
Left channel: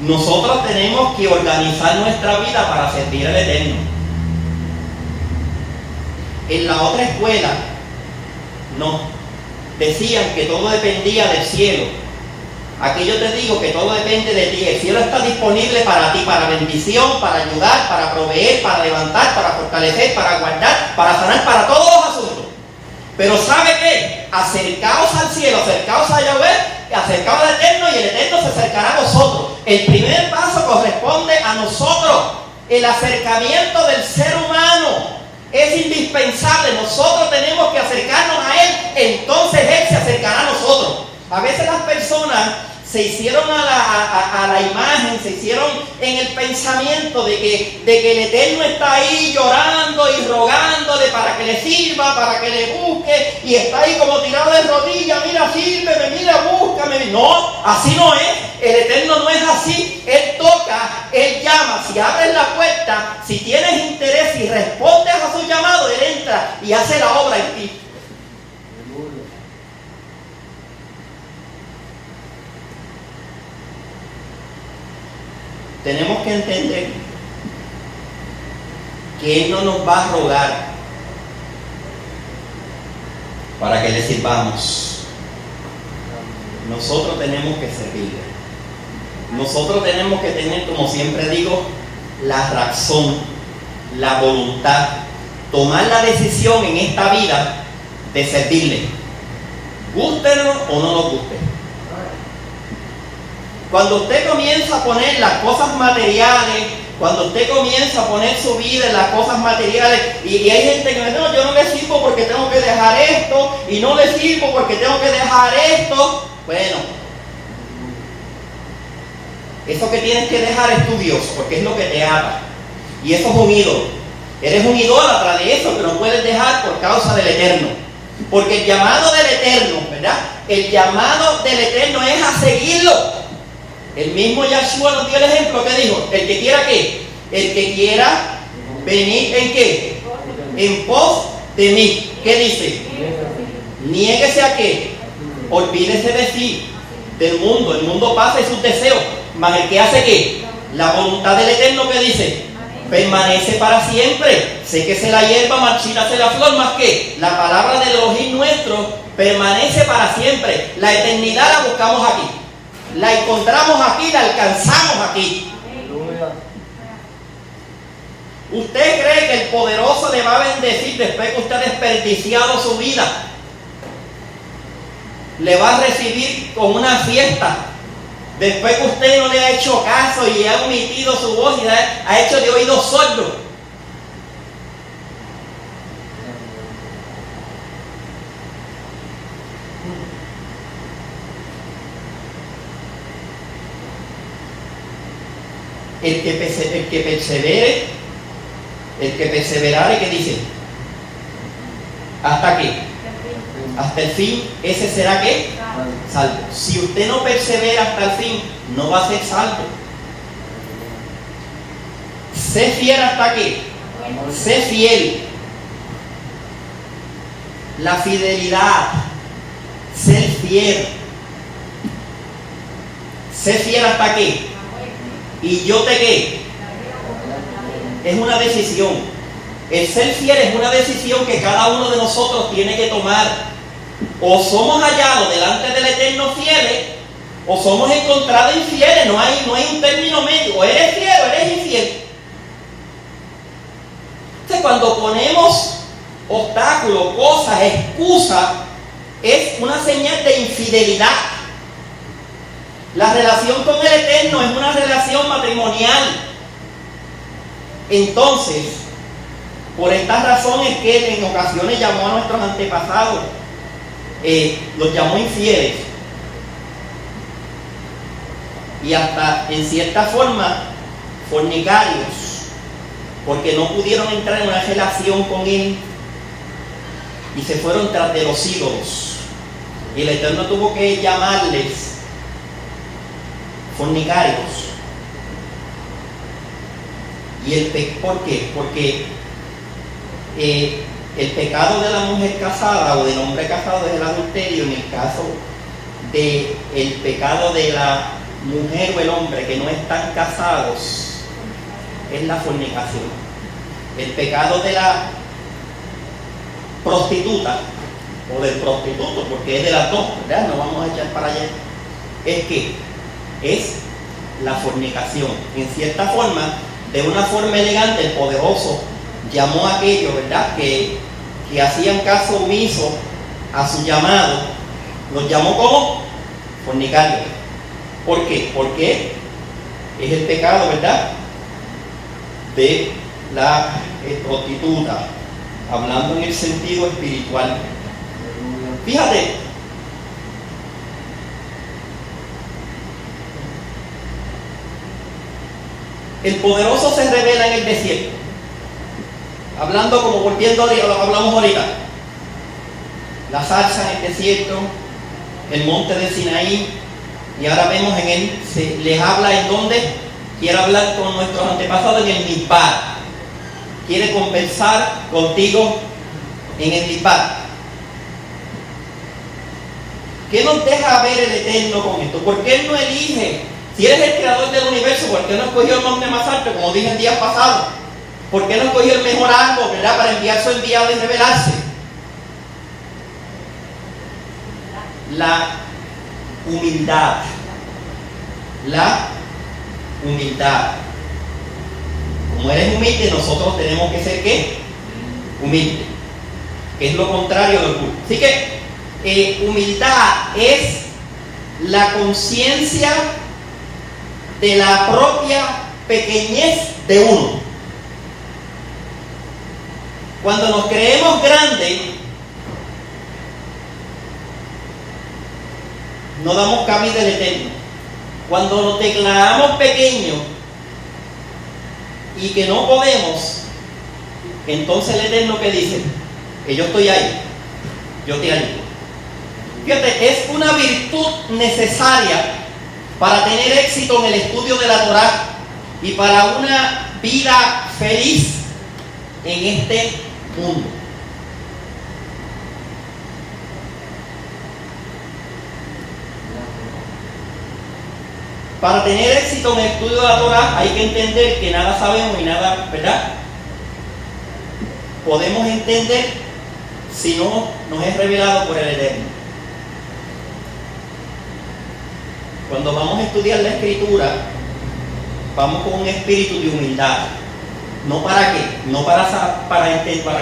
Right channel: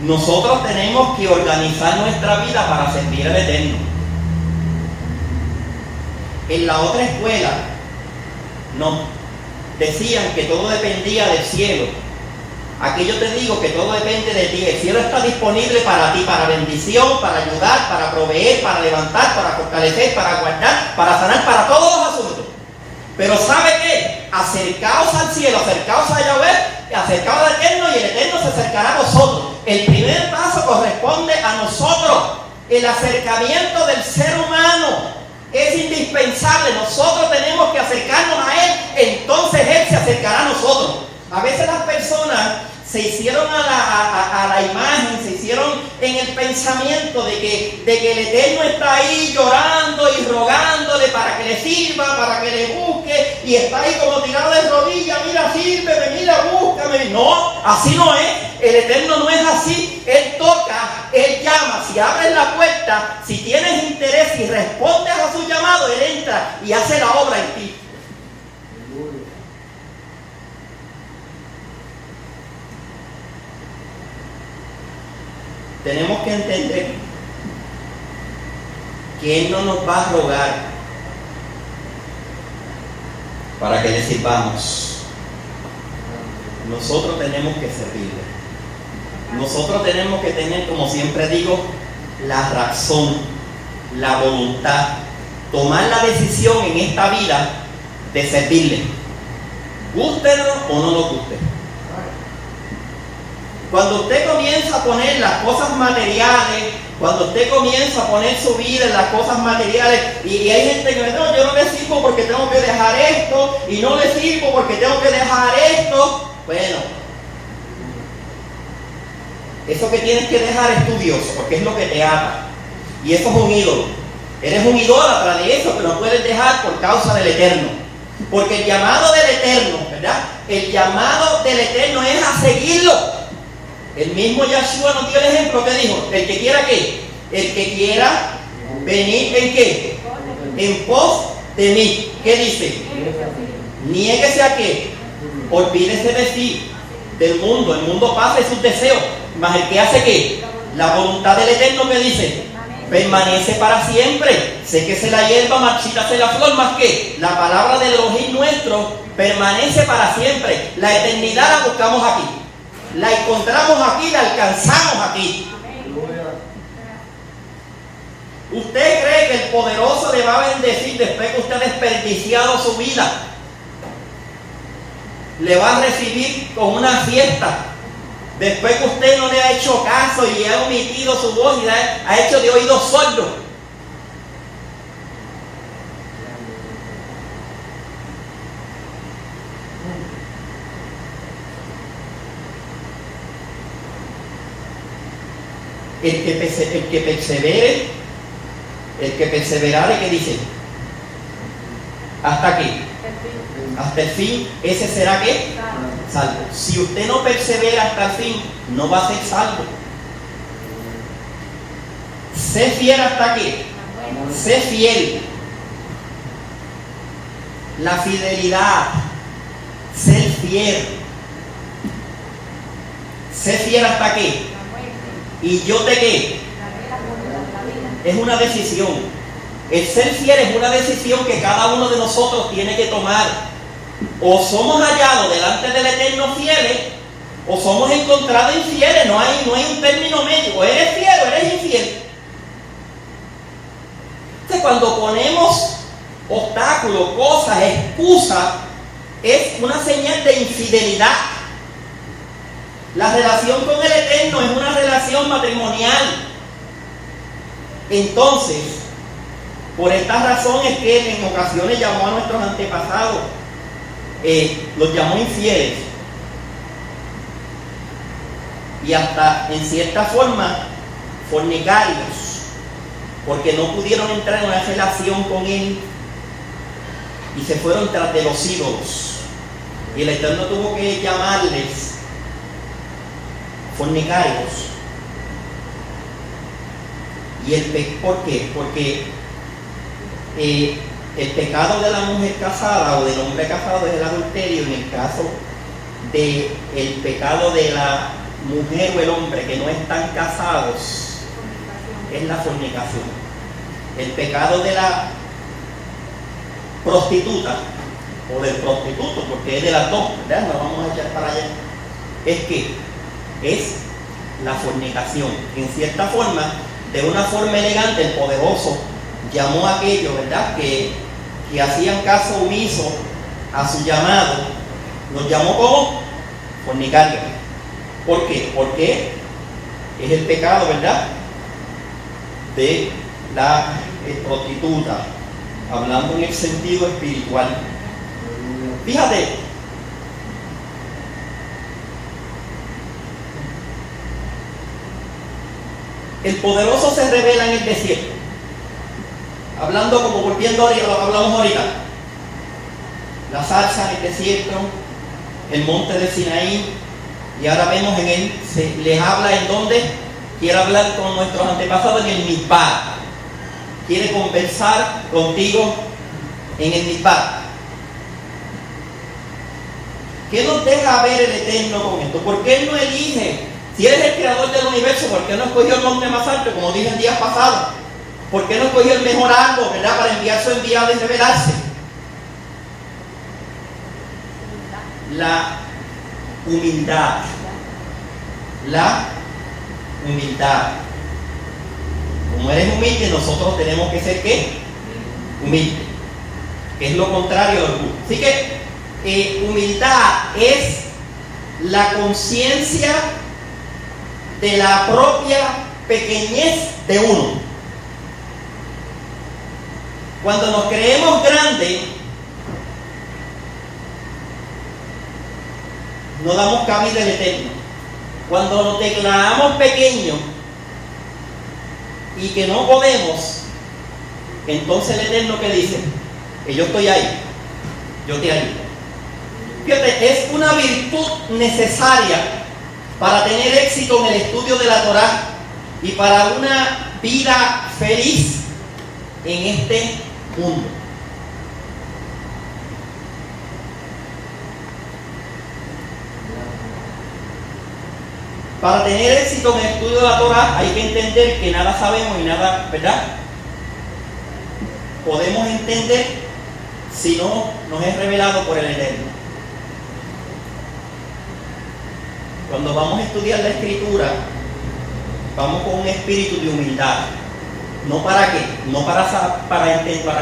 Nosotros tenemos que organizar nuestra vida para servir al Eterno. En la otra escuela nos decían que todo dependía del cielo. Aquí yo te digo que todo depende de ti. El cielo está disponible para ti, para bendición, para ayudar, para proveer, para levantar, para fortalecer, para guardar, para sanar, para todos los asuntos. Pero ¿sabe qué? Acercaos al cielo, acercaos a Yahweh, acercaos al Eterno y el Eterno se acercará a vosotros. El primer paso corresponde a nosotros. El acercamiento del ser humano es indispensable. Nosotros tenemos que acercarnos a Él, entonces Él se acercará a nosotros. A veces las personas se hicieron a la imagen, se hicieron en el pensamiento de que el Eterno está ahí llorando y rogándole para que le sirva, para que le busque, y está ahí como tirado de rodillas, mira, sírveme, mira, búscame. No, así no es. El Eterno no es así. Él toca, Él llama. Si abres la puerta, si tienes interés y respondes a su llamado, Él entra y hace la obra en ti. Tenemos que entender que Él no nos va a rogar para que le sirvamos. Nosotros tenemos que servirle. Nosotros tenemos que tener, como siempre digo, la razón, la voluntad, tomar la decisión en esta vida de servirle, gústenos o no nos guste. Cuando usted comienza a poner las cosas materiales, cuando usted comienza a poner su vida en las cosas materiales, y hay gente que me dice, no, yo no le sirvo porque tengo que dejar esto, y no le sirvo porque tengo que dejar esto. Bueno, eso que tienes que dejar es tu Dios, porque es lo que te ata. Y eso es un ídolo. Eres un idólatra de eso que no puedes dejar por causa del Eterno. Porque el llamado del Eterno, ¿verdad? El llamado del Eterno es a seguirlo. El mismo Yahshua nos dio el ejemplo que dijo, el que quiera ¿qué? El que quiera venir ¿en qué? En pos de mí. ¿Qué dice? Niéguese a qué? Olvídese de sí, del mundo. El mundo pasa y sus deseos. Mas el que hace ¿qué? La voluntad del Eterno, que dice, permanece para siempre. Séquese la hierba, marchítase la flor, más que la palabra del Elohim nuestro permanece para siempre. La eternidad la buscamos aquí, la encontramos aquí, la alcanzamos aquí. ¿Usted cree que el poderoso le va a bendecir después que usted ha desperdiciado su vida? Le va a recibir con una fiesta después que usted no le ha hecho caso y ha omitido su voz y ha hecho de oídos sordos. El que persevere, el que perseverare, ¿qué dice? ¿Hasta qué? Hasta el fin, ese será ¿qué? Salvo. Si usted no persevera hasta el fin, no va a ser salvo. Sé fiel hasta qué. Sé fiel. La fidelidad, ser fiel. Sé fiel hasta qué. Y yo te qué. Es una decisión. El ser fiel es una decisión que cada uno de nosotros tiene que tomar. O somos hallados delante del Eterno fieles, o somos encontrados infieles. No hay un término medio. O eres fiel o eres infiel. Entonces, cuando ponemos obstáculos, cosas, excusas, es una señal de infidelidad. La relación con el Eterno es una relación matrimonial. Entonces, por estas razones que en ocasiones llamó a nuestros antepasados, los llamó infieles, y hasta en cierta forma fornicarios, porque no pudieron entrar en una relación con Él y se fueron tras de los ídolos, y el Eterno tuvo que llamarles fornicarios. ¿Y ¿por qué? Porque el pecado de la mujer casada o del hombre casado es el adulterio. En el caso del pecado de la mujer o el hombre que no están casados, es la fornicación. El pecado de la prostituta o del prostituto, porque es de las dos, ¿verdad? No vamos a echar para allá. Es la fornicación. En cierta forma, de una forma elegante, el poderoso llamó a aquellos, ¿verdad?, que hacían caso omiso a su llamado, los llamó como fornicarios. ¿Por qué? Porque es el pecado, ¿verdad?, de la prostituta, hablando en el sentido espiritual. Fíjate, el poderoso se revela en el desierto, hablando como volviendo a lo que hablamos ahorita. La zarza en el desierto, el monte de Sinaí, y ahora vemos en él, les habla en donde quiere hablar con nuestros antepasados, en el Mizpah. Quiere conversar contigo en el Mizpah. ¿Qué nos deja ver el Eterno con esto? ¿Por qué Él no elige? Si Él es el creador del universo, ¿por qué no escogió el monte más alto, como dije el día pasado? ¿Por qué no escogió el mejor árbol, ¿verdad?, para enviar su enviado y revelarse? La humildad. La humildad. Como eres humilde, nosotros tenemos que ser ¿qué? Humilde. Que es lo contrario del orgullo. Así que humildad es la conciencia de la propia pequeñez de uno. Cuando nos creemos grandes, no damos cabida al Eterno. Cuando nos declaramos pequeños y que no podemos, entonces el Eterno, ¿qué dice? Que yo estoy ahí, yo te ayudo. Fíjate, es una virtud necesaria para tener éxito en el estudio de la Torá y para una vida feliz en este mundo. Para tener éxito en el estudio de la Torá hay que entender que nada sabemos y nada, ¿verdad? Podemos entender si no nos es revelado por el Eterno. Cuando vamos a estudiar la Escritura, vamos con un espíritu de humildad. ¿No para qué? No para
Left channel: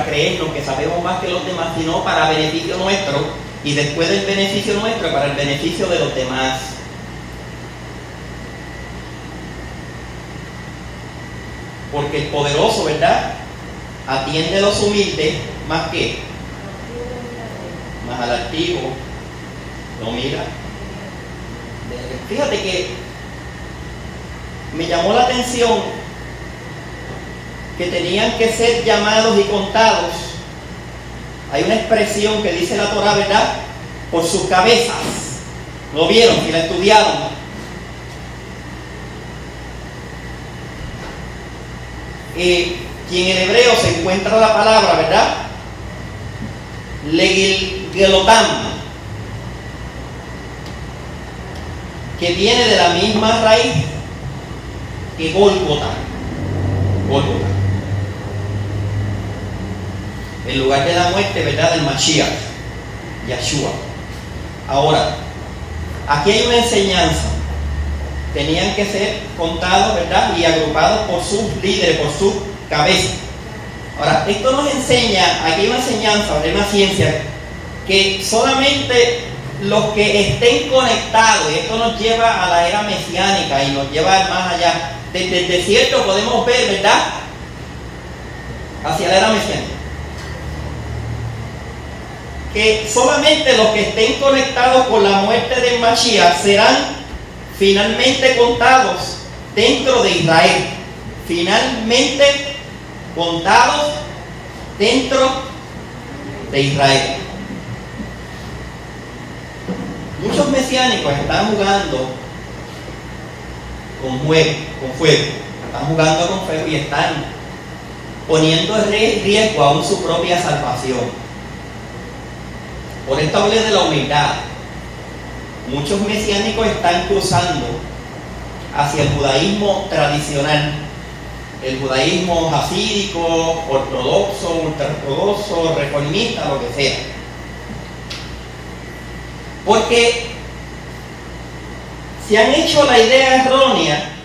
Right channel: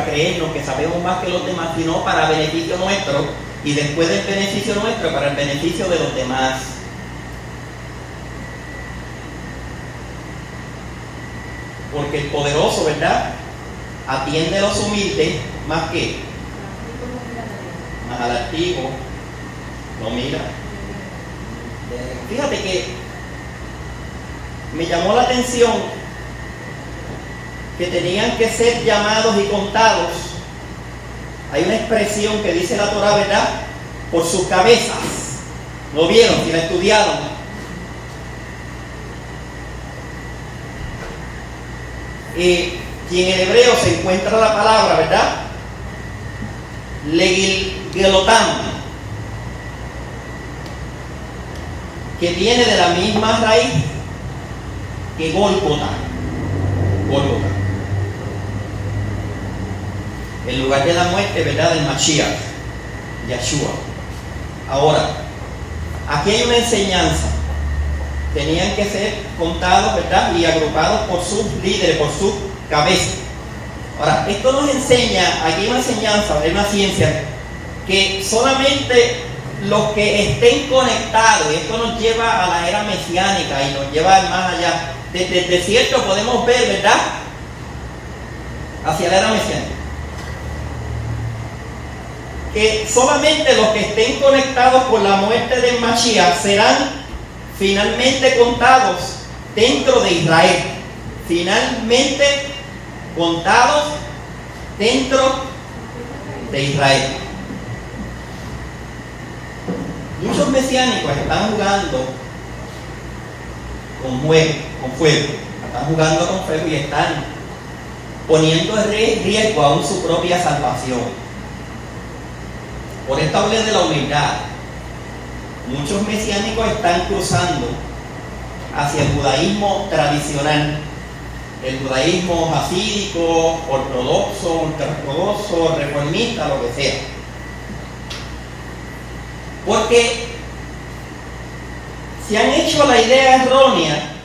creernos que sabemos más que los demás, sino para beneficio nuestro, y después del beneficio nuestro, para el beneficio de los demás. Porque el poderoso, ¿verdad?, atiende a los humildes más que más al altivo, lo mira. Fíjate que me llamó la atención que tenían que ser llamados y contados. Hay una expresión que dice la Torá, ¿verdad?, por sus cabezas. ¿Lo vieron? Si la estudiaron. Y en el hebreo se encuentra la palabra, ¿verdad?, legilgelotam, que viene de la misma raíz que Gólgota. Gólgota, el lugar de la muerte, ¿verdad?, del Mashiach, Yahshua. Ahora, aquí hay una enseñanza. Tenían que ser contados, ¿verdad?, y agrupados por sus líderes, por sus cabezas. Ahora, esto nos enseña, aquí hay una enseñanza, hay una ciencia, que solamente los que estén conectados, y esto nos lleva a la era mesiánica y nos lleva más allá. Desde el desierto podemos ver, ¿verdad?, hacia la era mesiánica, que solamente los que estén conectados con la muerte del Mashiach serán finalmente contados dentro de Israel. Finalmente contados dentro de Israel. Muchos mesiánicos están jugando con fuego. Están jugando con fuego y están poniendo en riesgo aún su propia salvación. Por esto hablé de la humildad. Muchos mesiánicos están cruzando hacia el judaísmo tradicional, el judaísmo hasídico, ortodoxo, ultraortodoxo, reformista, lo que sea. Porque se han hecho la idea errónea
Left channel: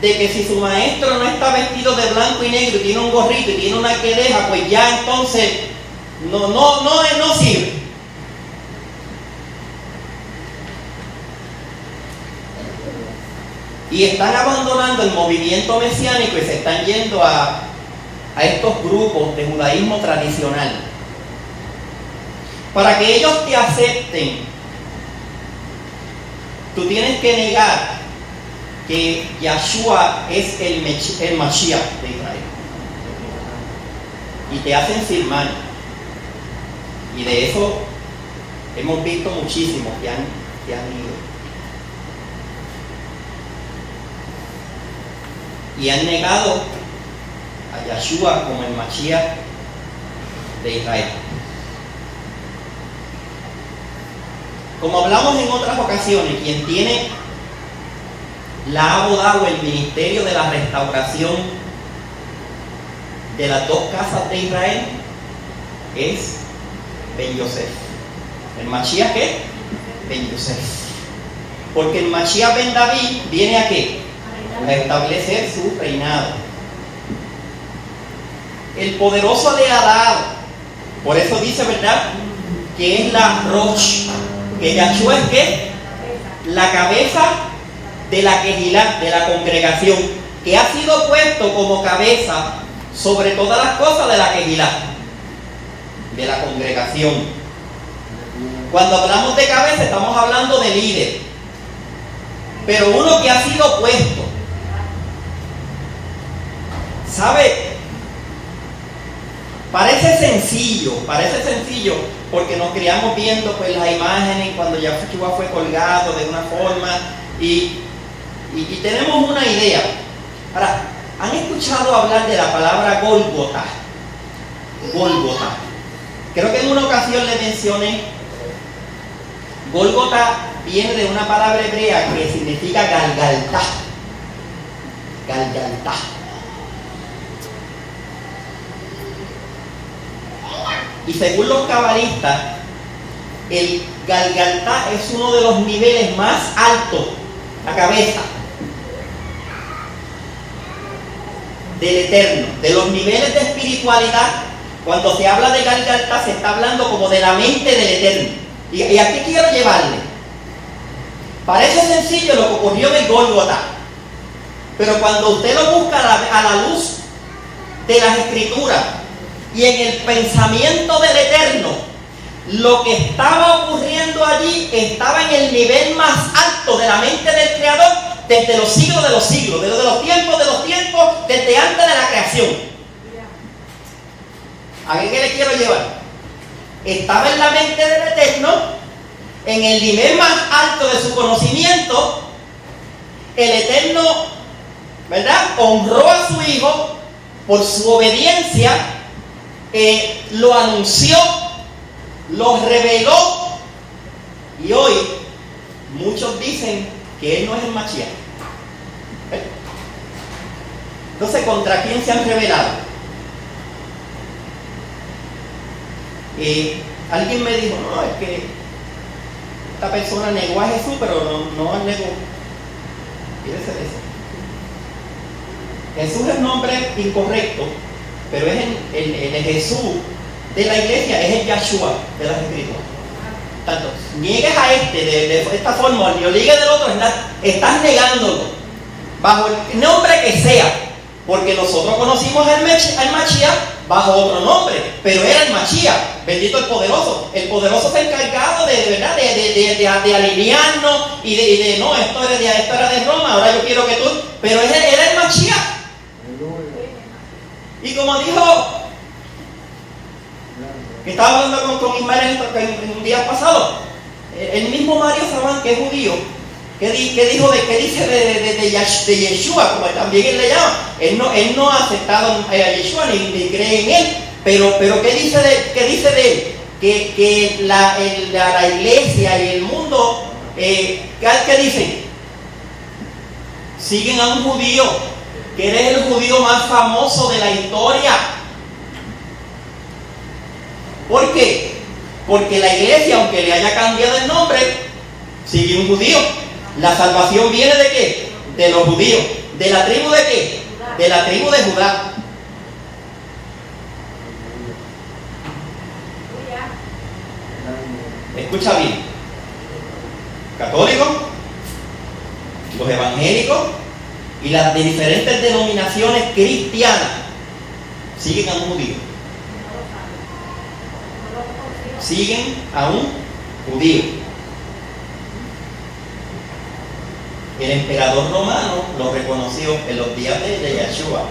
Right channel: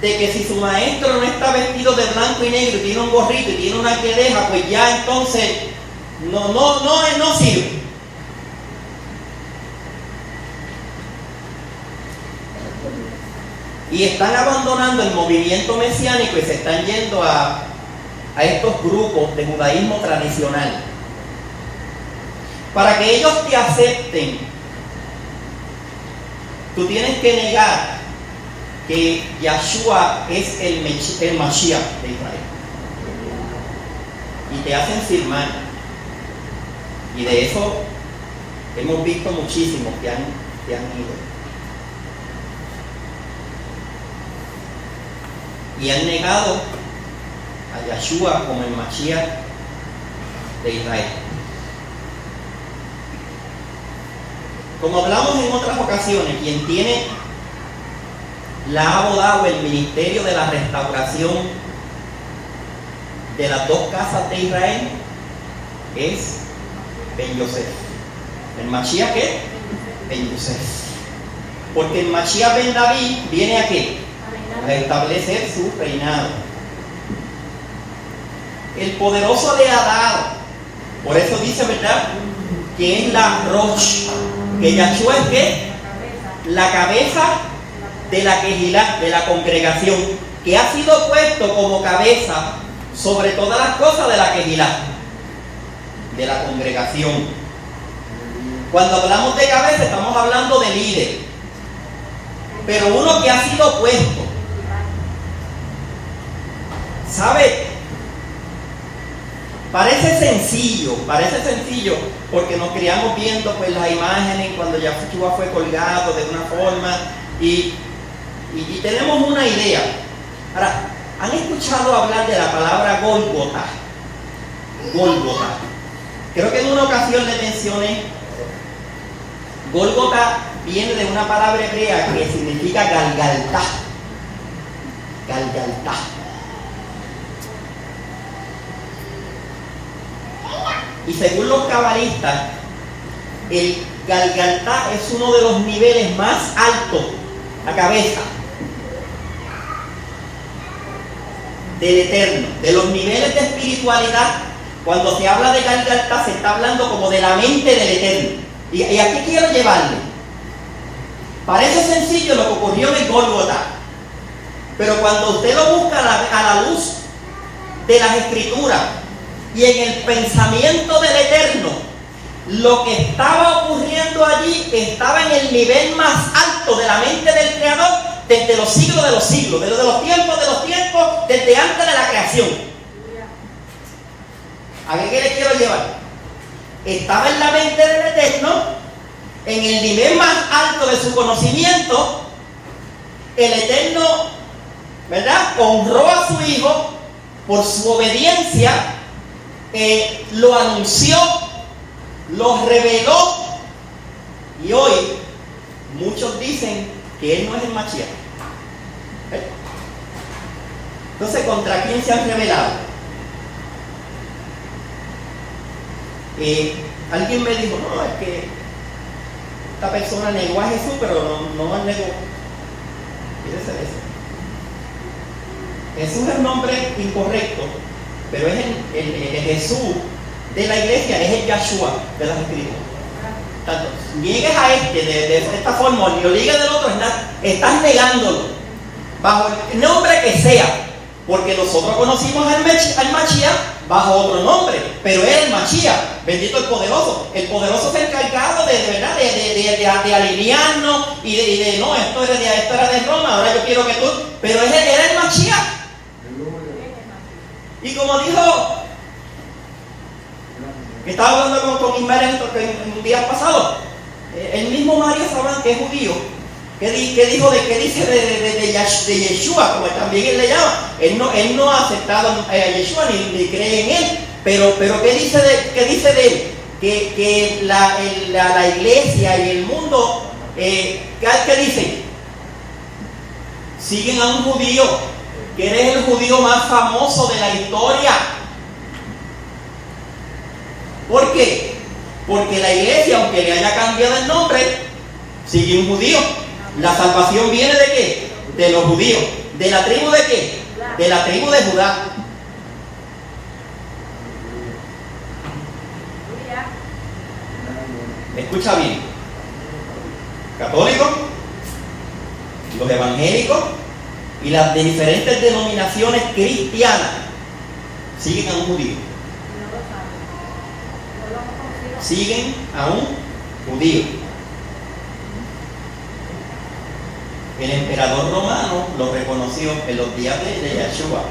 de que si su maestro no está vestido de blanco y negro y tiene un gorrito y tiene una quedeja, pues ya entonces no sirve. Y están abandonando el movimiento mesiánico y se están yendo a estos grupos de judaísmo tradicional. Para que ellos te acepten, tú tienes que negar que Yahshua es el Mashiach de Israel. Y te hacen firmar. Y de eso hemos visto muchísimos que han ido. Y han negado a Yahshua como el Mashiach de Israel. Como hablamos en otras ocasiones, quien tiene la abodá o el ministerio de la restauración de las dos casas de Israel es Ben Yosef. ¿El Mashiach qué? Ben Yosef. Porque el Mashiach Ben David viene a ¿qué? A establecer su reinado. El poderoso le ha dado, por eso dice, ¿verdad?, que es la Rosh, que Yahshua es ¿qué? La cabeza de la Kehilá, de la congregación, que ha sido puesto como cabeza sobre todas las cosas de la Kehilá, de la congregación. Cuando hablamos de cabeza estamos hablando de líder, pero uno que ha sido puesto. ¿Sabe? Parece sencillo, porque nos criamos viendo pues las imágenes cuando Yahshua fue colgado de una forma Y tenemos una idea. Ahora, ¿han escuchado hablar de la palabra Gólgota? Gólgota. Creo que en una ocasión le mencioné. Gólgota viene de una palabra hebrea que significa Galgaltá. Galgaltá. Y según los cabalistas, el Galgaltá es uno de los niveles más altos, la cabeza, del Eterno. De los niveles de espiritualidad, cuando se habla de Galgaltá, se está hablando como de la mente del Eterno. ¿Y a qué quiero llevarle? Parece sencillo lo que ocurrió en el Gólgota, pero cuando usted lo busca a la luz de las Escrituras y en el pensamiento del Eterno, lo que estaba ocurriendo allí estaba en el nivel más alto de la mente del Creador desde los siglos de los siglos, desde los tiempos, desde antes de la creación. ¿A qué le quiero llevar? Estaba en la mente del Eterno, en el nivel más alto de su conocimiento. El Eterno, ¿verdad?, honró a su Hijo por su obediencia, lo anunció, lo reveló, y hoy muchos dicen que Él no es el Mashiach. Entonces, ¿contra quién se han revelado? Alguien me dijo, no, es que esta persona negó a Jesús, pero no negó. Fíjese de eso. Jesús es un nombre incorrecto, pero es el Jesús de la iglesia, es el Yahshua de las Escrituras. Tanto niegues a de esta forma o lo ligues del otro, estás negándolo bajo el nombre que sea, porque nosotros conocimos al Mashiach bajo otro nombre, pero era el Mashiach, bendito el poderoso. El poderoso se ha encargado de alinearnos y de no, esto era de Roma, ahora yo quiero que tú, pero era el Mashiach. Y como dijo, que estaba hablando con Ismael en un día pasado, el mismo Mario Sabán, que es judío, que dice de Yeshua, como también él le llama. Él no ha aceptado a Yeshua ni cree en él, pero ¿qué dice de él? Que la iglesia y el mundo, ¿qué dicen? Siguen a un judío, que eres el judío más famoso de la historia. ¿Por qué? Porque la iglesia, aunque le haya cambiado el nombre, sigue un judío. La salvación viene ¿de qué? De los judíos. ¿De la tribu de qué? De la tribu de Judá. Escucha bien. Católicos, los evangélicos y las de diferentes denominaciones cristianas siguen a un judío. Siguen a un judío. El emperador romano lo reconoció en los días de Yahshua.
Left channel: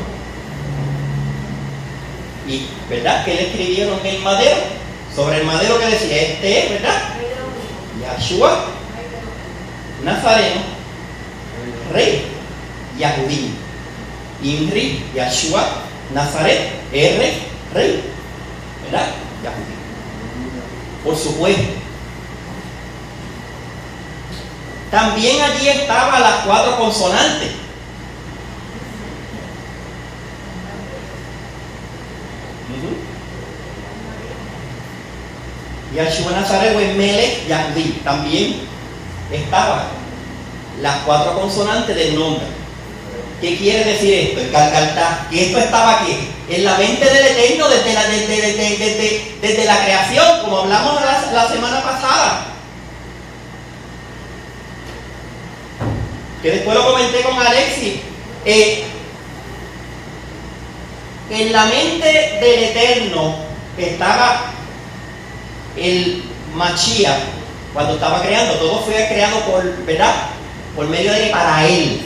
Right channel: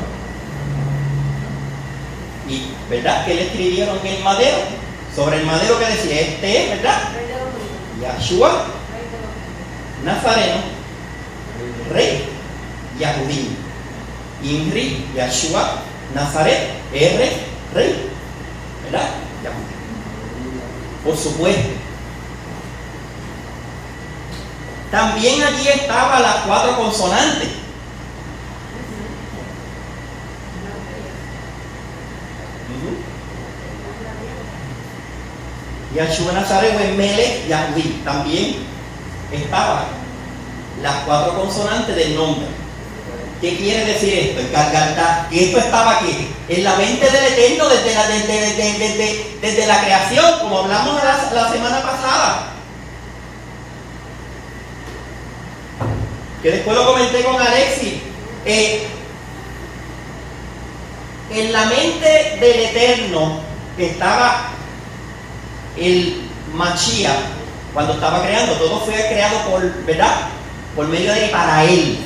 Y ¿verdad que le escribieron en el madero? Sobre el madero que decía, este es, ¿verdad? Yahshua, Nazareno, Rey, Yahudim. Inri, Yahshua, Nazaret, Rey, ¿verdad? Yahudim. Por supuesto. También allí estaban las 4 consonantes. Yahshua Nazaret, Melech, Yahudí. También estaban las 4 consonantes del nombre. ¿Qué quiere decir esto? El Galgaltá. Que esto estaba aquí, en la mente del Eterno desde la creación, como hablamos la semana pasada. Que después lo comenté con Alexis. En la mente del Eterno estaba el Mashiach. Cuando estaba creando, todo fue creado ¿verdad? Por medio de él, para él.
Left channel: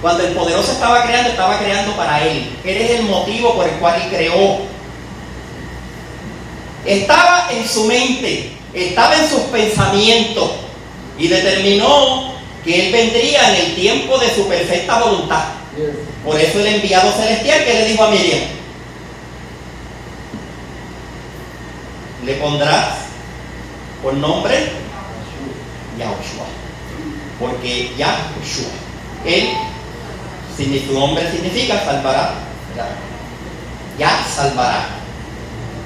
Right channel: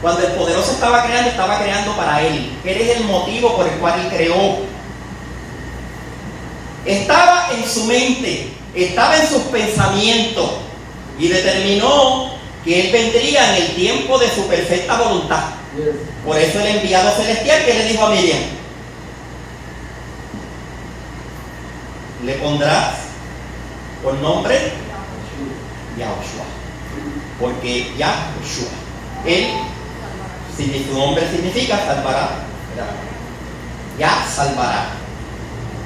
Cuando el poderoso estaba creando para él. Eres el motivo por el cual él creó. Estaba en su mente, estaba en sus pensamientos y determinó que Él vendría en el tiempo de su perfecta voluntad. Por eso el enviado celestial que le dijo a Miriam, le pondrás por nombre Yahushua, porque Yahushua, Él, su nombre significa salvará, ¿verdad? Ya salvará,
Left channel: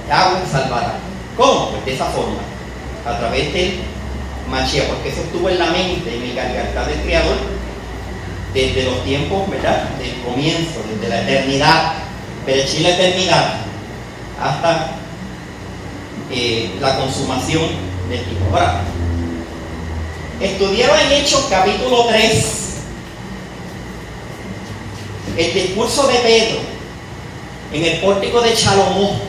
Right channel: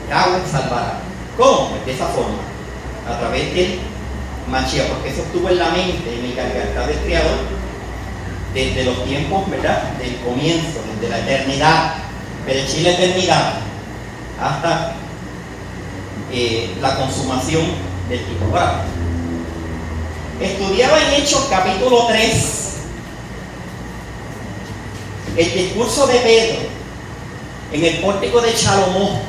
Yahweh salvará. ¿Cómo? Pues de esa forma, a través del Mashiach, porque eso estuvo en la mente, en el garganta del Creador, desde los tiempos, ¿verdad? Del comienzo, desde la eternidad, pero la eternidad, hasta la consumación del tiempo. Ahora, estudiaba en Hechos capítulo 3 el discurso de Pedro en el pórtico de Salomón.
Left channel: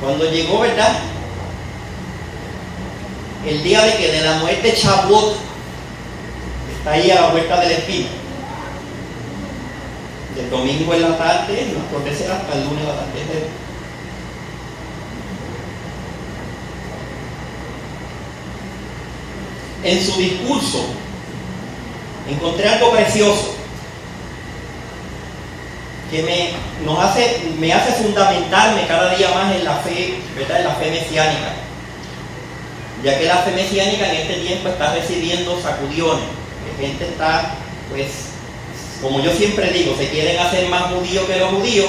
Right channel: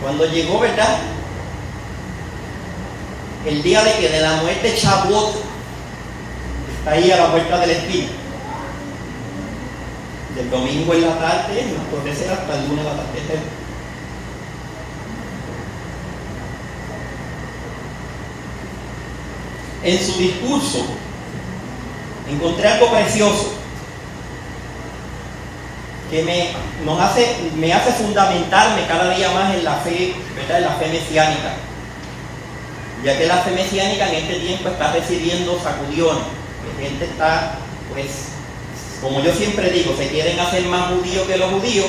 Cuando llegó, ¿verdad?, el día de la muerte de Shavuot, está ahí a la vuelta de la esquina. Del domingo en la tarde, entonces hasta el lunes al atardecer. En su discurso encontré algo precioso que me hace fundamentarme cada día más en la fe, ¿verdad?, en la fe mesiánica, ya que la fe mesiánica en este tiempo está recibiendo sacudiones, que gente está, pues, como yo siempre digo, se quieren hacer más judíos que los judíos,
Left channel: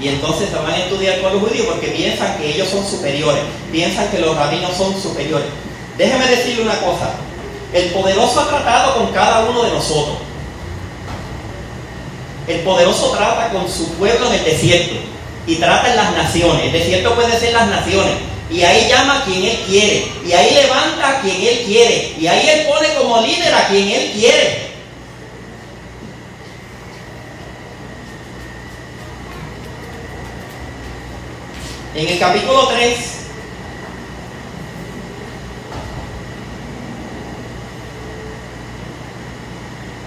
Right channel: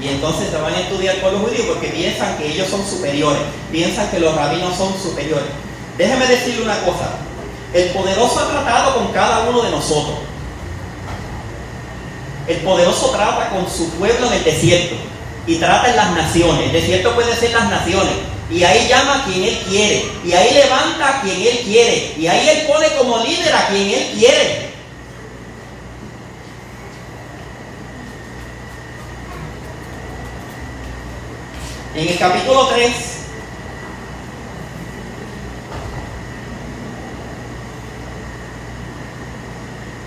y entonces se van a estudiar con los judíos porque piensan que ellos son superiores, piensan que los rabinos son superiores. Déjeme decirle una cosa, el poderoso ha tratado con cada uno de nosotros. El poderoso trata con su pueblo en el desierto y trata en las naciones. El desierto puede ser las naciones, y ahí llama a quien Él quiere, y ahí levanta a quien Él quiere, y ahí Él pone como líder a quien Él quiere. En el capítulo 3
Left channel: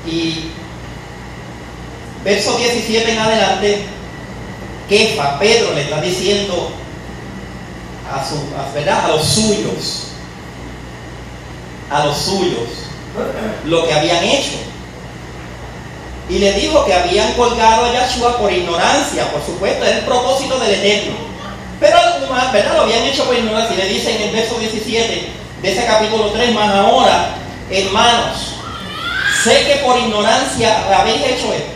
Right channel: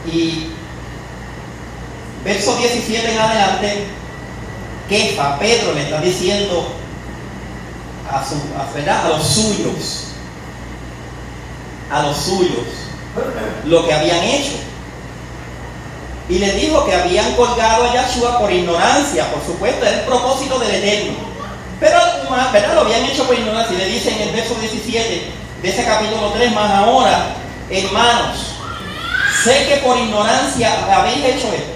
y verso 17 en adelante, Pedro le está diciendo a los suyos lo que habían hecho, y le dijo que habían colgado a Yahshua por ignorancia. Por supuesto, era el propósito del Eterno, pero ¿verdad?, lo habían hecho por ignorancia. Y le dice en el verso 17 de ese capítulo 3, más ahora, hermanos, sé que por ignorancia habéis hecho esto,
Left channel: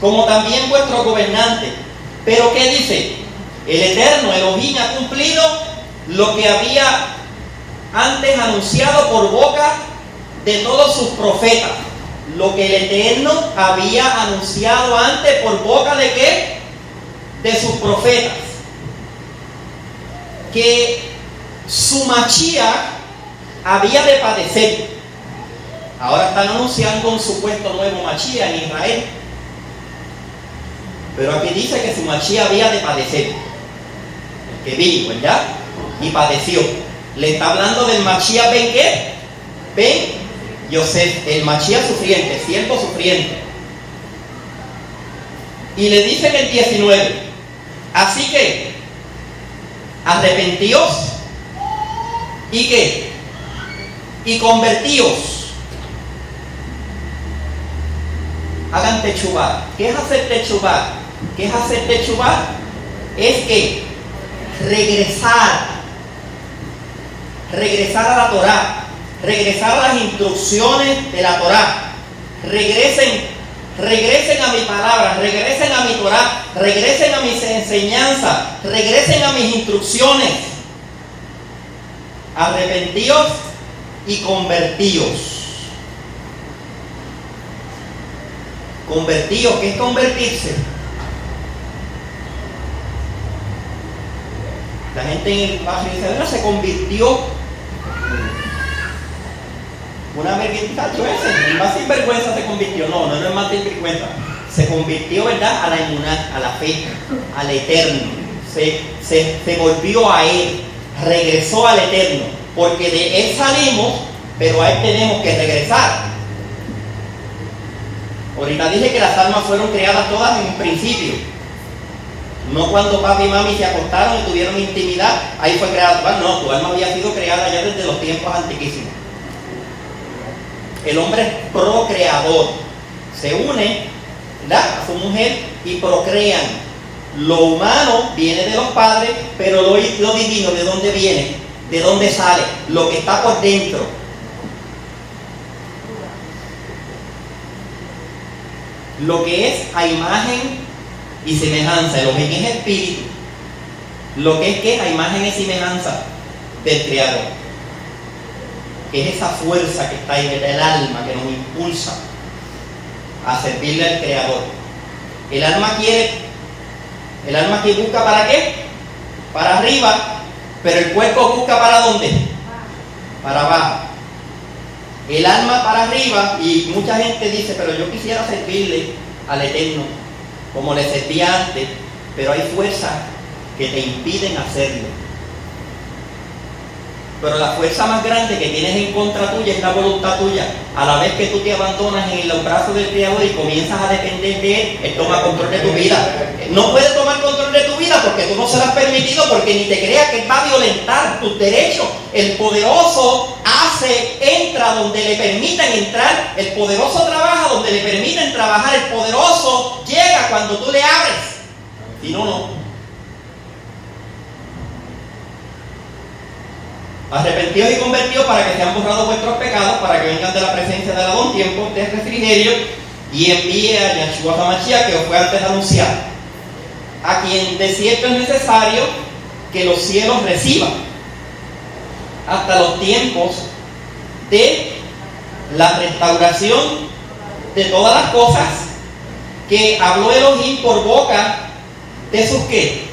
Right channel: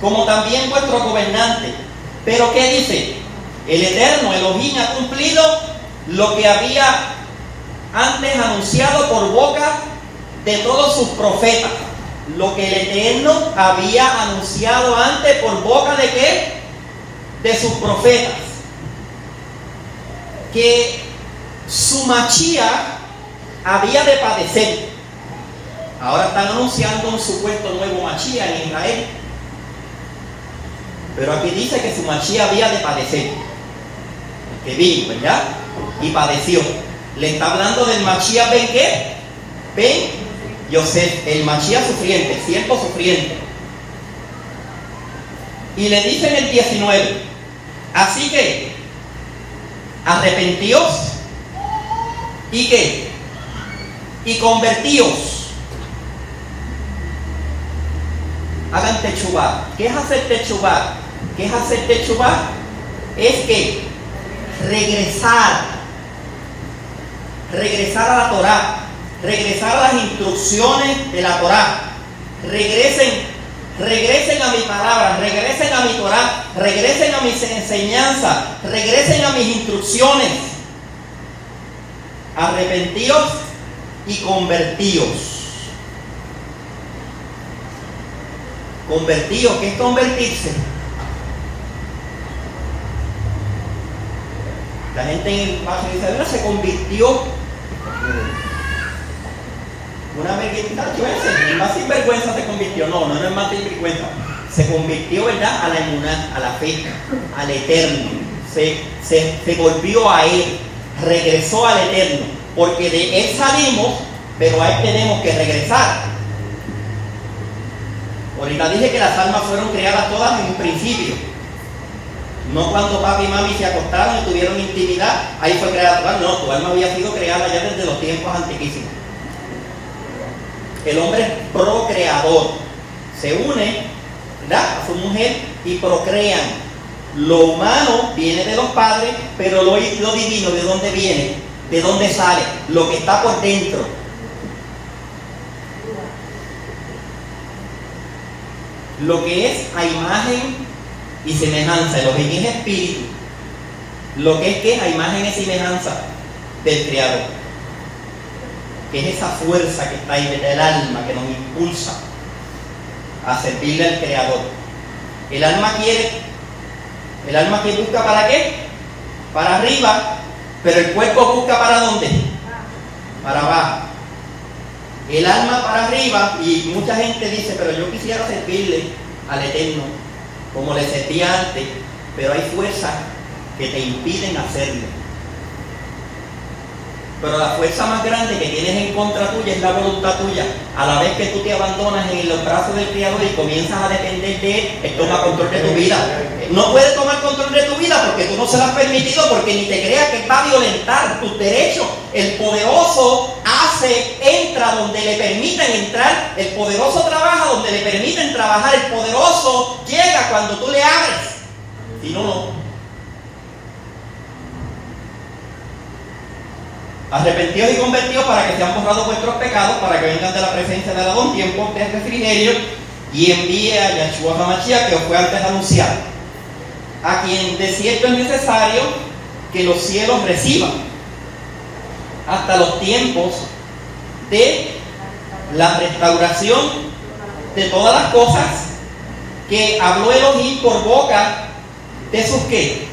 como también vuestros gobernantes. Pero ¿qué dice? El Eterno, Elohim, ha cumplido lo que había antes anunciado por boca de todos sus profetas. Lo que el Eterno había anunciado antes por boca de ¿qué? De sus profetas. Que su Mashiach había de padecer. Ahora están anunciando un supuesto nuevo Mashiach en Israel. Pero aquí dice que su Mashiach había de padecer. El que vino, ¿verdad? Y padeció. Le está hablando del Mashiach Ben ¿qué? Ben Yosef, el Mashiach sufriente, el siervo sufriente. Y le dice en el 19, así que arrepentíos y ¿qué? Y convertíos. Hagan techubá. ¿Qué es hacer techubá? ¿Qué es hacer techubá? Es que regresar a la Torá, regresar a las instrucciones de la Torá. Regresen a mi palabra, regresen a mi Torá, regresen a mis enseñanzas, regresen a mis instrucciones. Arrepentíos y convertíos. Convertíos, ¿qué es convertirse? La gente en el barrio dice, ¿verdad? Se convirtió. Una vergüenza, ese, más sinvergüenza se convirtió. No es más sinvergüenza. Se convirtió, ¿verdad?, a la inmunidad, a la fe, al Eterno. Se volvió a Él, regresó al Eterno, porque de Él salimos, pero a Él tenemos que regresar. Ahorita dije que las almas fueron creadas todas en un principio. No cuando papi y mami se acostaron y tuvieron intimidad, ahí fue creada tu alma. No, tu alma había sido creada ya desde los tiempos antiquísimos. El hombre es procreador. Se une, ¿verdad?, a su mujer y procrean. Lo humano viene de los padres, pero lo divino, ¿de dónde viene? ¿De dónde sale? Lo que está por dentro. Lo que es a imagen y semejanza, lo que es espíritu, lo que es a imagen y semejanza del Creador, que es esa fuerza que está ahí del alma, que nos impulsa a servirle al Creador. El alma que busca ¿para qué? Para arriba, pero el cuerpo busca ¿para dónde? Para abajo. El alma para arriba, y mucha gente dice, pero yo quisiera servirle al Eterno como le servía antes, pero hay fuerzas que te impiden hacerlo. Pero la fuerza más grande que tienes en contra tuya es la voluntad tuya. A la vez que tú te abandonas en los brazos del Creador y comienzas a depender de Él, Él toma control de tu vida. No puede tomar control de tu vida porque tú no se lo has permitido, porque ni te creas que Él va a violentar tus derechos. El poderoso entra donde le permiten entrar. El poderoso trabaja donde le permiten trabajar. El poderoso llega cuando tú le abres. Si no, no. Arrepentidos y convertidos para que sean borrados vuestros pecados, para que vengan de la presencia del Adón tiempo de refrigerio, y envíe a Yahshua HaMashiach, que os fue antes anunciado, a quien de cierto es necesario que los cielos reciban hasta los tiempos de la restauración de todas las cosas que habló Elohim por boca de sus ¿qué?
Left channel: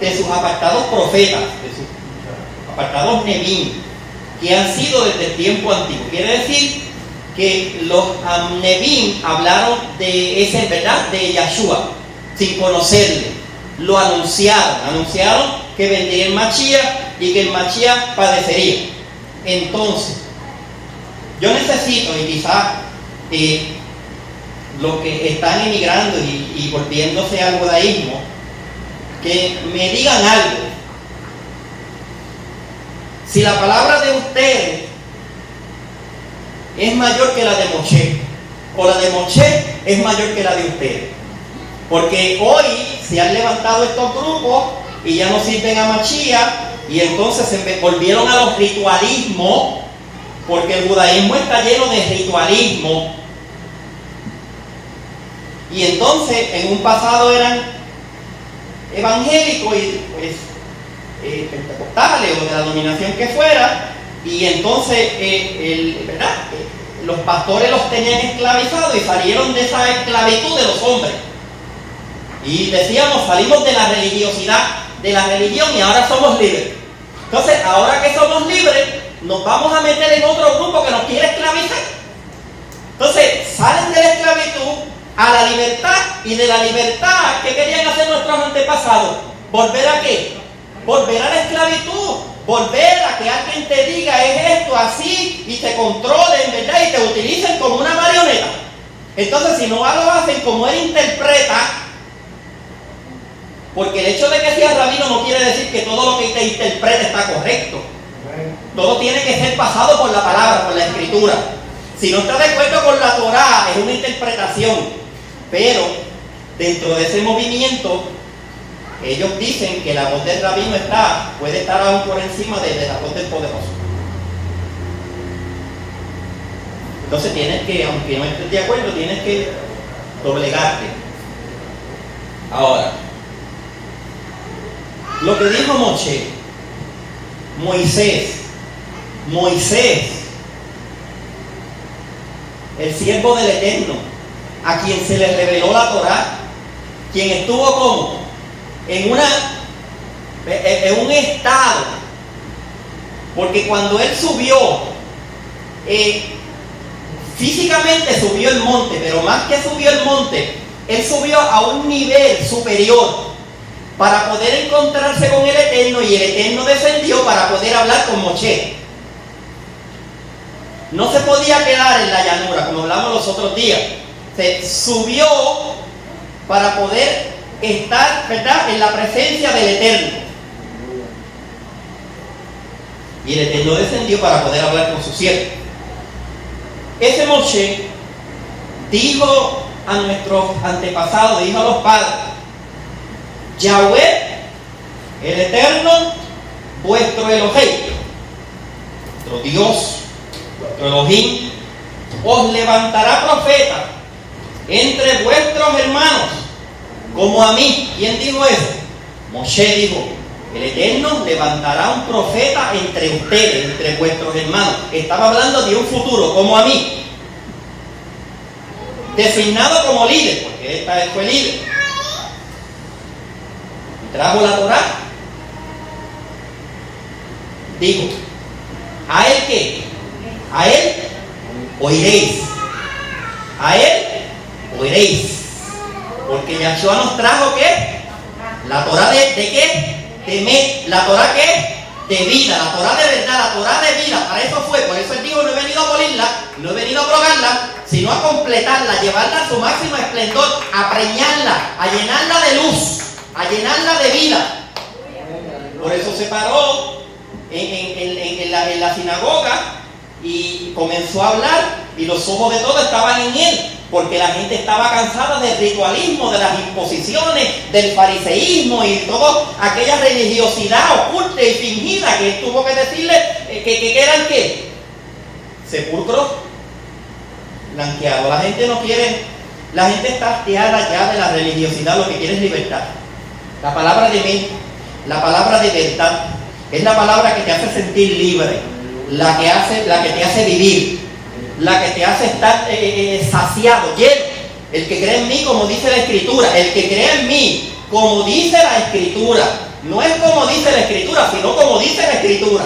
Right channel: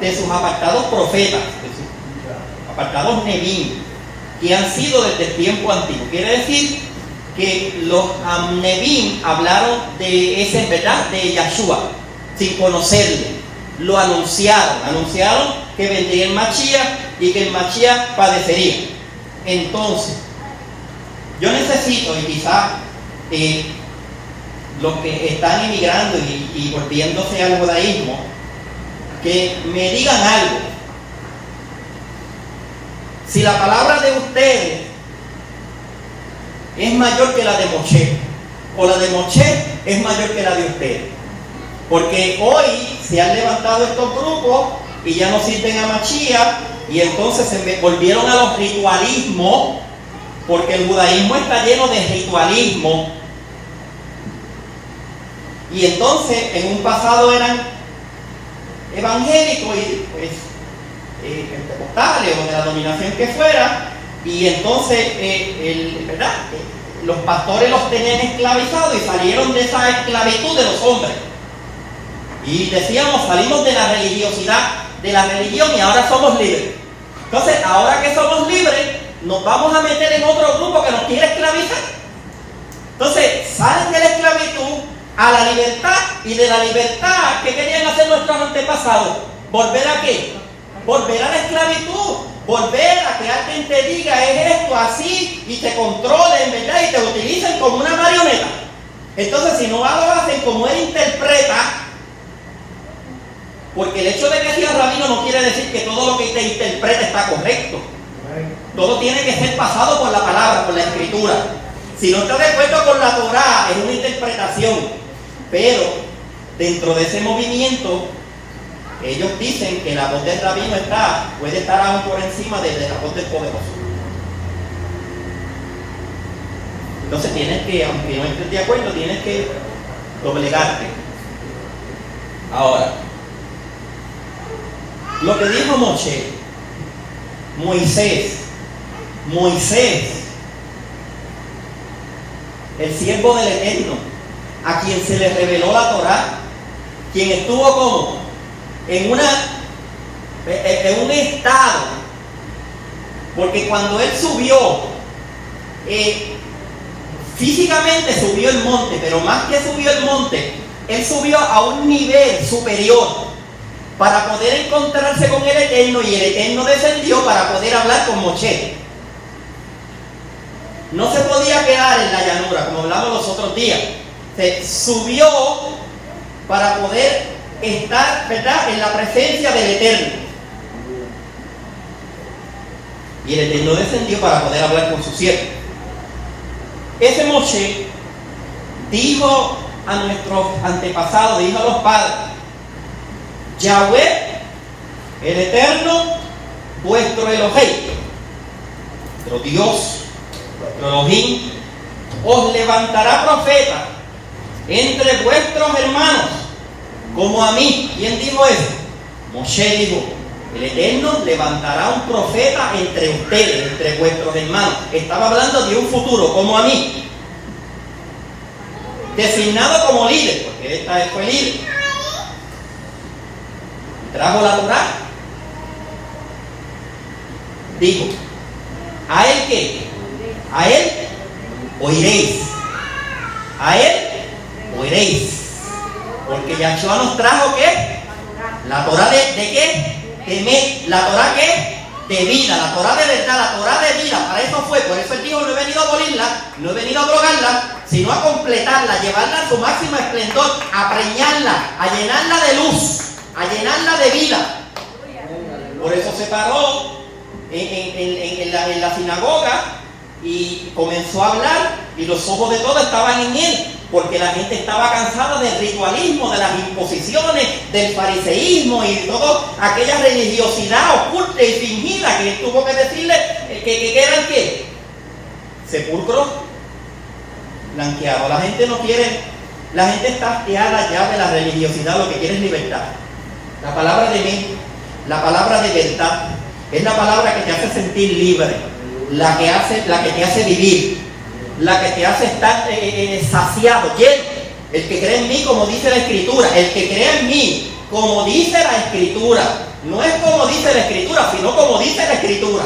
De sus apartados profetas, de sus apartados Nebim, que han sido desde el tiempo antiguo. Quiere decir que los Nebim hablaron de ese, ¿verdad?, de Yahshua, sin conocerle. Lo anunciaron que vendría el Mashiach y que el Mashiach padecería. Entonces, yo necesito, y quizás los que están emigrando y volviéndose al judaísmo, que me digan algo. Si la palabra de ustedes es mayor que la de Moshe, o la de Moshe es mayor que la de ustedes, porque hoy se han levantado estos grupos y ya no sirven a Mashiach, y entonces se volvieron a los ritualismos, porque el judaísmo está lleno de ritualismo, y entonces en un pasado eran evangélicos y pues pentecostales o de la dominación que fuera, y entonces ¿verdad?, los pastores los tenían esclavizados y salieron de esa esclavitud de los hombres, y decíamos, salimos de la religiosidad, de la religión, y ahora somos libres. Entonces, ahora que somos libres, nos vamos a meter en otro grupo que nos quiere esclavizar. Entonces, salen de la esclavitud a la libertad, y de la libertad, ¿qué querían hacer nuestros antepasados? ¿Volver a qué? Volver a la esclavitud, volver a que alguien te diga es esto, así, y te controlen, ¿verdad?, y te utilicen como una marioneta. Entonces, si no lo hacen como él interpreta, porque el hecho de que seas rabino no quiere decir que todo lo que te interpreta está correcto. Todo tiene que ser pasado por la palabra, por la escritura. Si no estás de acuerdo con la Torá, es una interpretación. Pero dentro de ese movimiento, ellos dicen que la voz del rabino puede estar aún por encima de la voz del poderoso. Entonces tienes que, aunque no estés de acuerdo, tienes que doblegarte. Ahora, lo que dijo Moisés, el siervo del Eterno, a quien se le reveló la Torá, quien estuvo como en un estado, porque cuando él subió, físicamente subió el monte, pero más que subió el monte, él subió a un nivel superior para poder encontrarse con el Eterno, y el Eterno descendió para poder hablar con Moshe. No se podía quedar en la llanura, como hablamos los otros días. Se subió para poder estar, ¿verdad?, en la presencia del Eterno. Y el Eterno descendió para poder hablar con su siervo. Ese Moshe dijo a nuestros antepasados, dijo a los padres: Yahweh, el Eterno, vuestro Elohim, vuestro Dios, vuestro Elohim, os levantará profeta entre vuestros hermanos, como a mí. ¿Quién dijo eso? Moshe dijo: el Eterno levantará un profeta entre ustedes, entre vuestros hermanos. Estaba hablando de un futuro, como a mí, designado como líder, porque esta fue líder. Y trajo la Torá. Dijo: ¿a él qué? A él oiréis. A él oiréis. Porque Yahshua nos trajo ¿qué? La Torá de qué? La Torá ¿qué? De vida, la Torá de verdad, la Torá de vida. Para eso fue, por eso él dijo: no he venido a abolirla, no he venido a abrogarla, sino a completarla, a llevarla a su máximo esplendor, a preñarla, a llenarla de luz, a llenarla de vida. Por eso se paró en la sinagoga y comenzó a hablar, y los ojos de todos estaban en él, porque la gente estaba cansada del ritualismo, de las imposiciones, del fariseísmo y toda aquella religiosidad oculta y fingida que él tuvo que decirle que eran ¿qué? Sepulcros blanqueados. La gente no quiere, la gente está hastiada ya de la religiosidad, lo que quiere es libertad. La palabra de mí, la palabra de verdad, es la palabra que te hace sentir libre, la que te hace vivir, la que te hace estar saciado, lleno. El que cree en mí, como dice la Escritura, el que cree en mí, como dice la Escritura, no es como dice la Escritura, sino como dice la Escritura.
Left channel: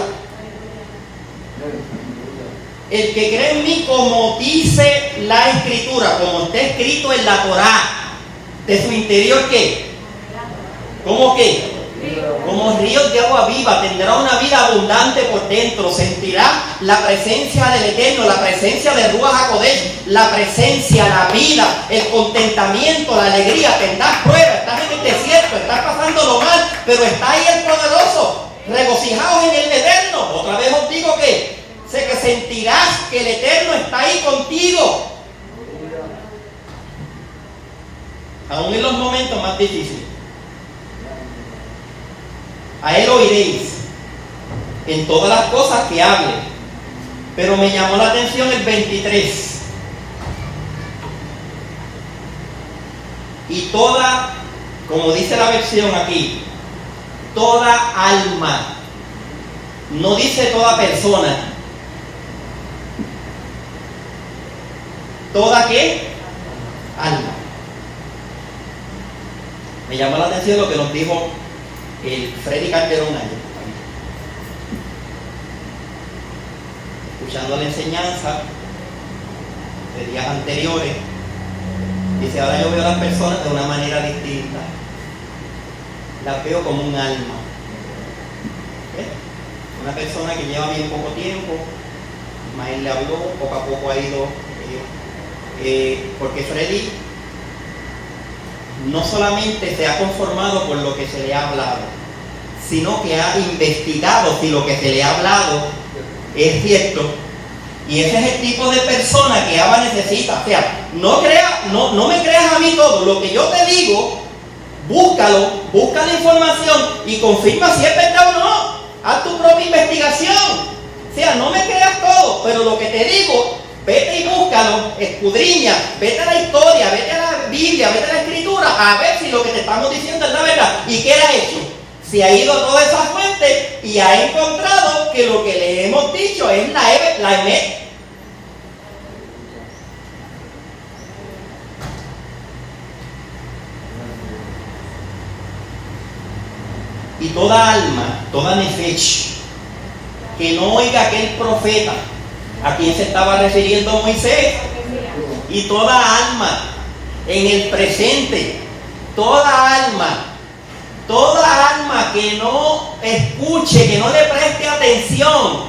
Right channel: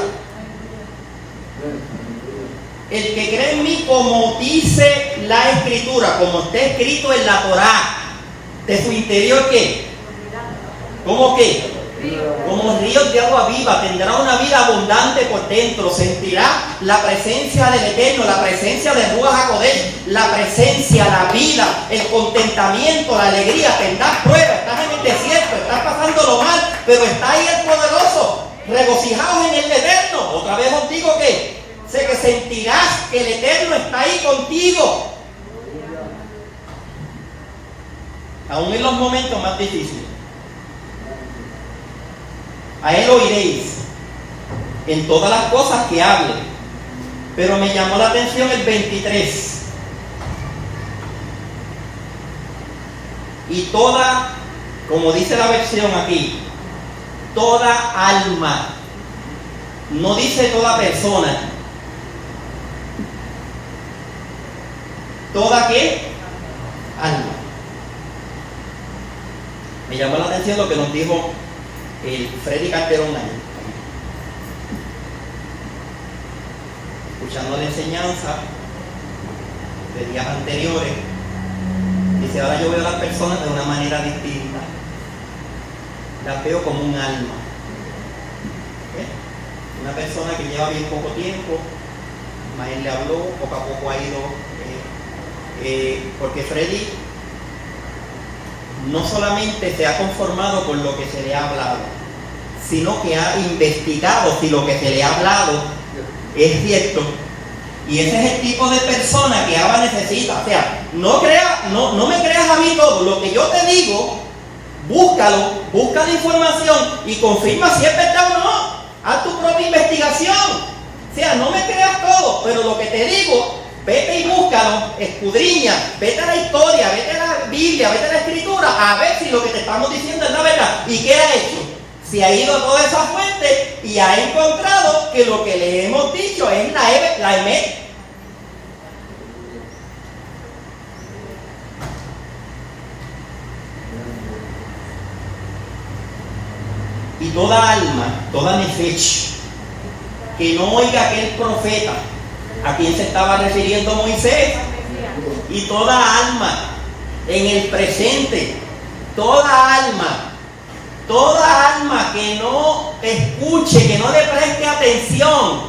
El que cree en mí, como dice la Escritura, como está escrito en la Torá, de su interior ¿qué? ¿Cómo qué? Como ríos de agua viva, tendrá una vida abundante por dentro, sentirá la presencia del Eterno, la presencia de Ruach HaKodesh, la presencia, la vida, el contentamiento, la alegría. Tendrás pruebas, estás en el desierto, estás pasándolo mal, pero está ahí el poderoso, regocijaos en el Eterno. Otra vez os digo que sentirás que el Eterno está ahí contigo, aún en los momentos más difíciles. A él oiréis en todas las cosas que hable. Pero me llamó la atención el 23. Y toda, como dice la versión aquí, toda alma. No dice toda persona. ¿Toda qué? Alma. Me llamó la atención lo que nos dijo el Freddy Calderón ahí, escuchando la enseñanza de días anteriores. Dice: ahora yo veo a las personas de una manera distinta, las veo como un alma. Una persona que lleva bien poco tiempo, más él le habló, poco a poco ha ido, porque Freddy no solamente se ha conformado con lo que se le ha hablado, sino que ha investigado si lo que se le ha hablado es cierto. Y ese es el tipo de persona que Abba necesita. O sea, no me creas a mí todo. Lo que yo te digo, búscalo, busca la información y confirma si es verdad o no. Haz tu propia investigación. O sea, no me creas todo, pero lo que te digo, vete y búscalo, escudriña, vete a la historia, vete a la Biblia, vete a la Escritura, a ver si lo que te estamos diciendo es la verdad. ¿Y qué ha hecho? Se ha ido a todas esas fuentes y ha encontrado que lo que le hemos dicho es la Emet. Y toda alma, toda nefesh, que no oiga aquel profeta a quien se estaba refiriendo Moisés, y toda alma en el presente, toda alma que no escuche, que no le preste atención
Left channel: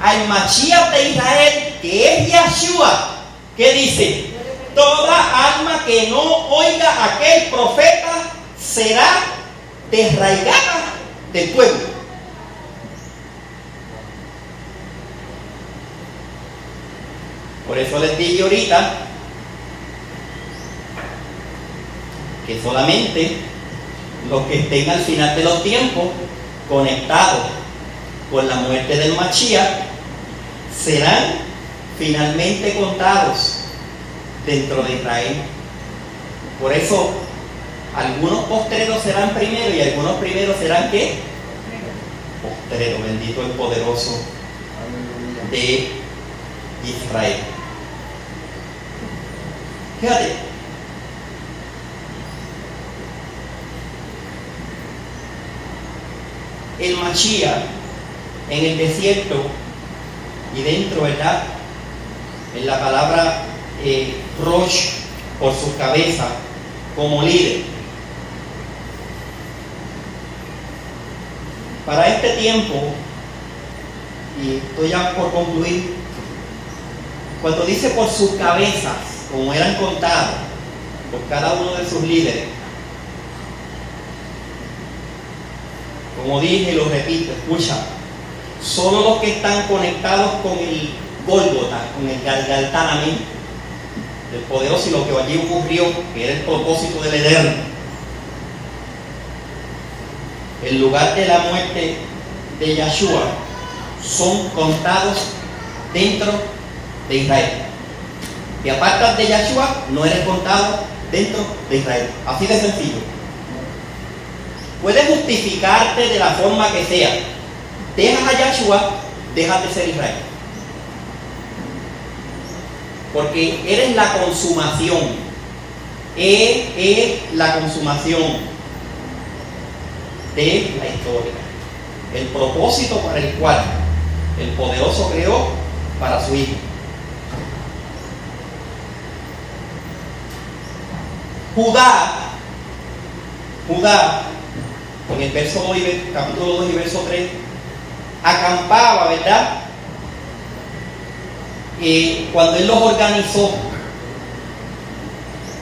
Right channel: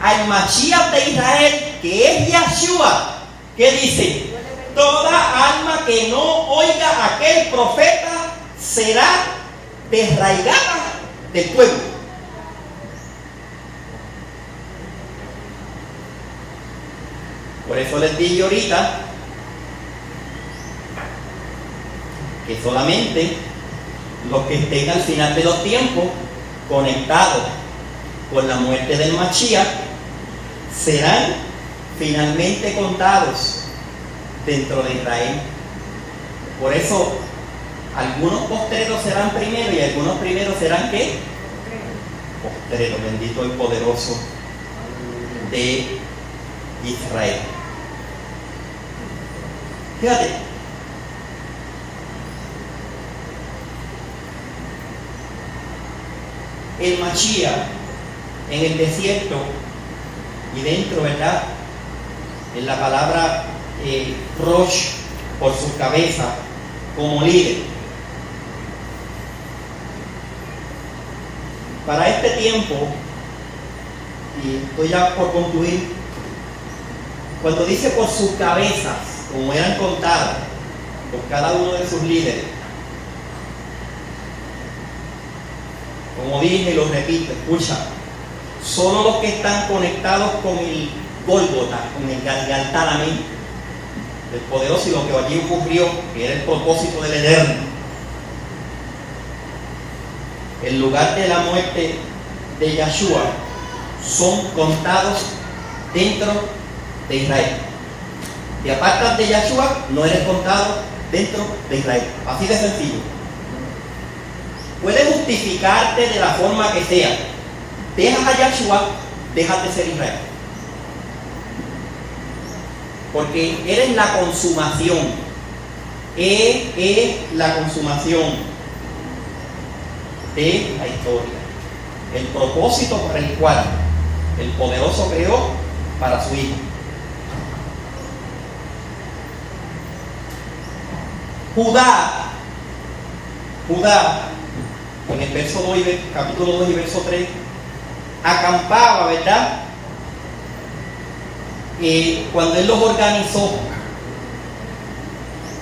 al Mashiach de Israel, que es Yahshua, ¿qué dice? Toda alma que no oiga a aquel profeta será desraigada del pueblo. Por eso les dije ahorita que solamente los que estén al final de los tiempos conectados con la muerte del Mashiach serán finalmente contados dentro de Israel. Por eso algunos postreros serán primero y algunos primeros serán ¿qué? Postreros. Bendito el poderoso de Israel. Fíjate, el Mashiach en el desierto y dentro, ¿verdad? En la palabra Rosh por su cabeza como líder. Para este tiempo, y estoy ya por concluir, cuando dice por sus cabezas, como eran contados por cada uno de sus líderes, como dije y lo repito, escucha, solo los que están conectados con el Gólgota, con el Galgaltanamente del poderoso y lo que allí ocurrió, que era el propósito del Eterno, el lugar de la muerte de Yahshua, son contados dentro de Israel. Te apartas de Yahshua, no eres contado dentro de Israel. Así de sencillo. Puedes justificarte de la forma que sea. Dejas a Yahshua, dejas de ser Israel. Porque eres la consumación. Es la consumación de la historia. El propósito para el cual el poderoso creó para su hijo. Judá, en el verso 2, capítulo 2 y verso 3, acampaba, ¿verdad? Cuando él los organizó,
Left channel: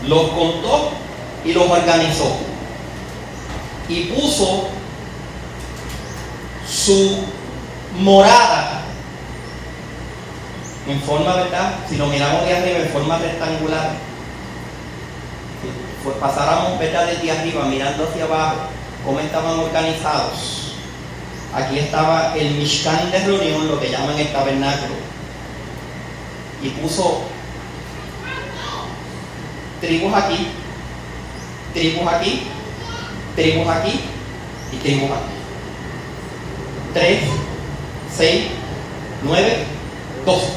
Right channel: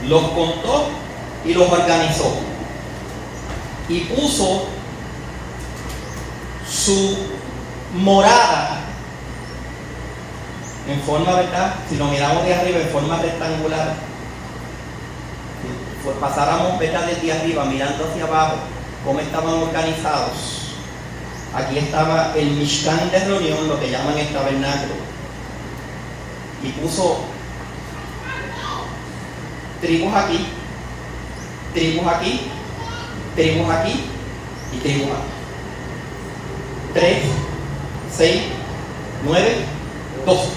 los contó y los organizó. Y puso su morada en forma, ¿verdad? Si lo miramos de arriba, en forma rectangular. Pues pasáramos, ¿verdad? Desde arriba, mirando hacia abajo, cómo estaban organizados. Aquí estaba el Mishkan de reunión, lo que llaman el tabernáculo. Y puso tribus aquí, tribus aquí, tribus aquí y tribus aquí. 3, 6, 9, 12.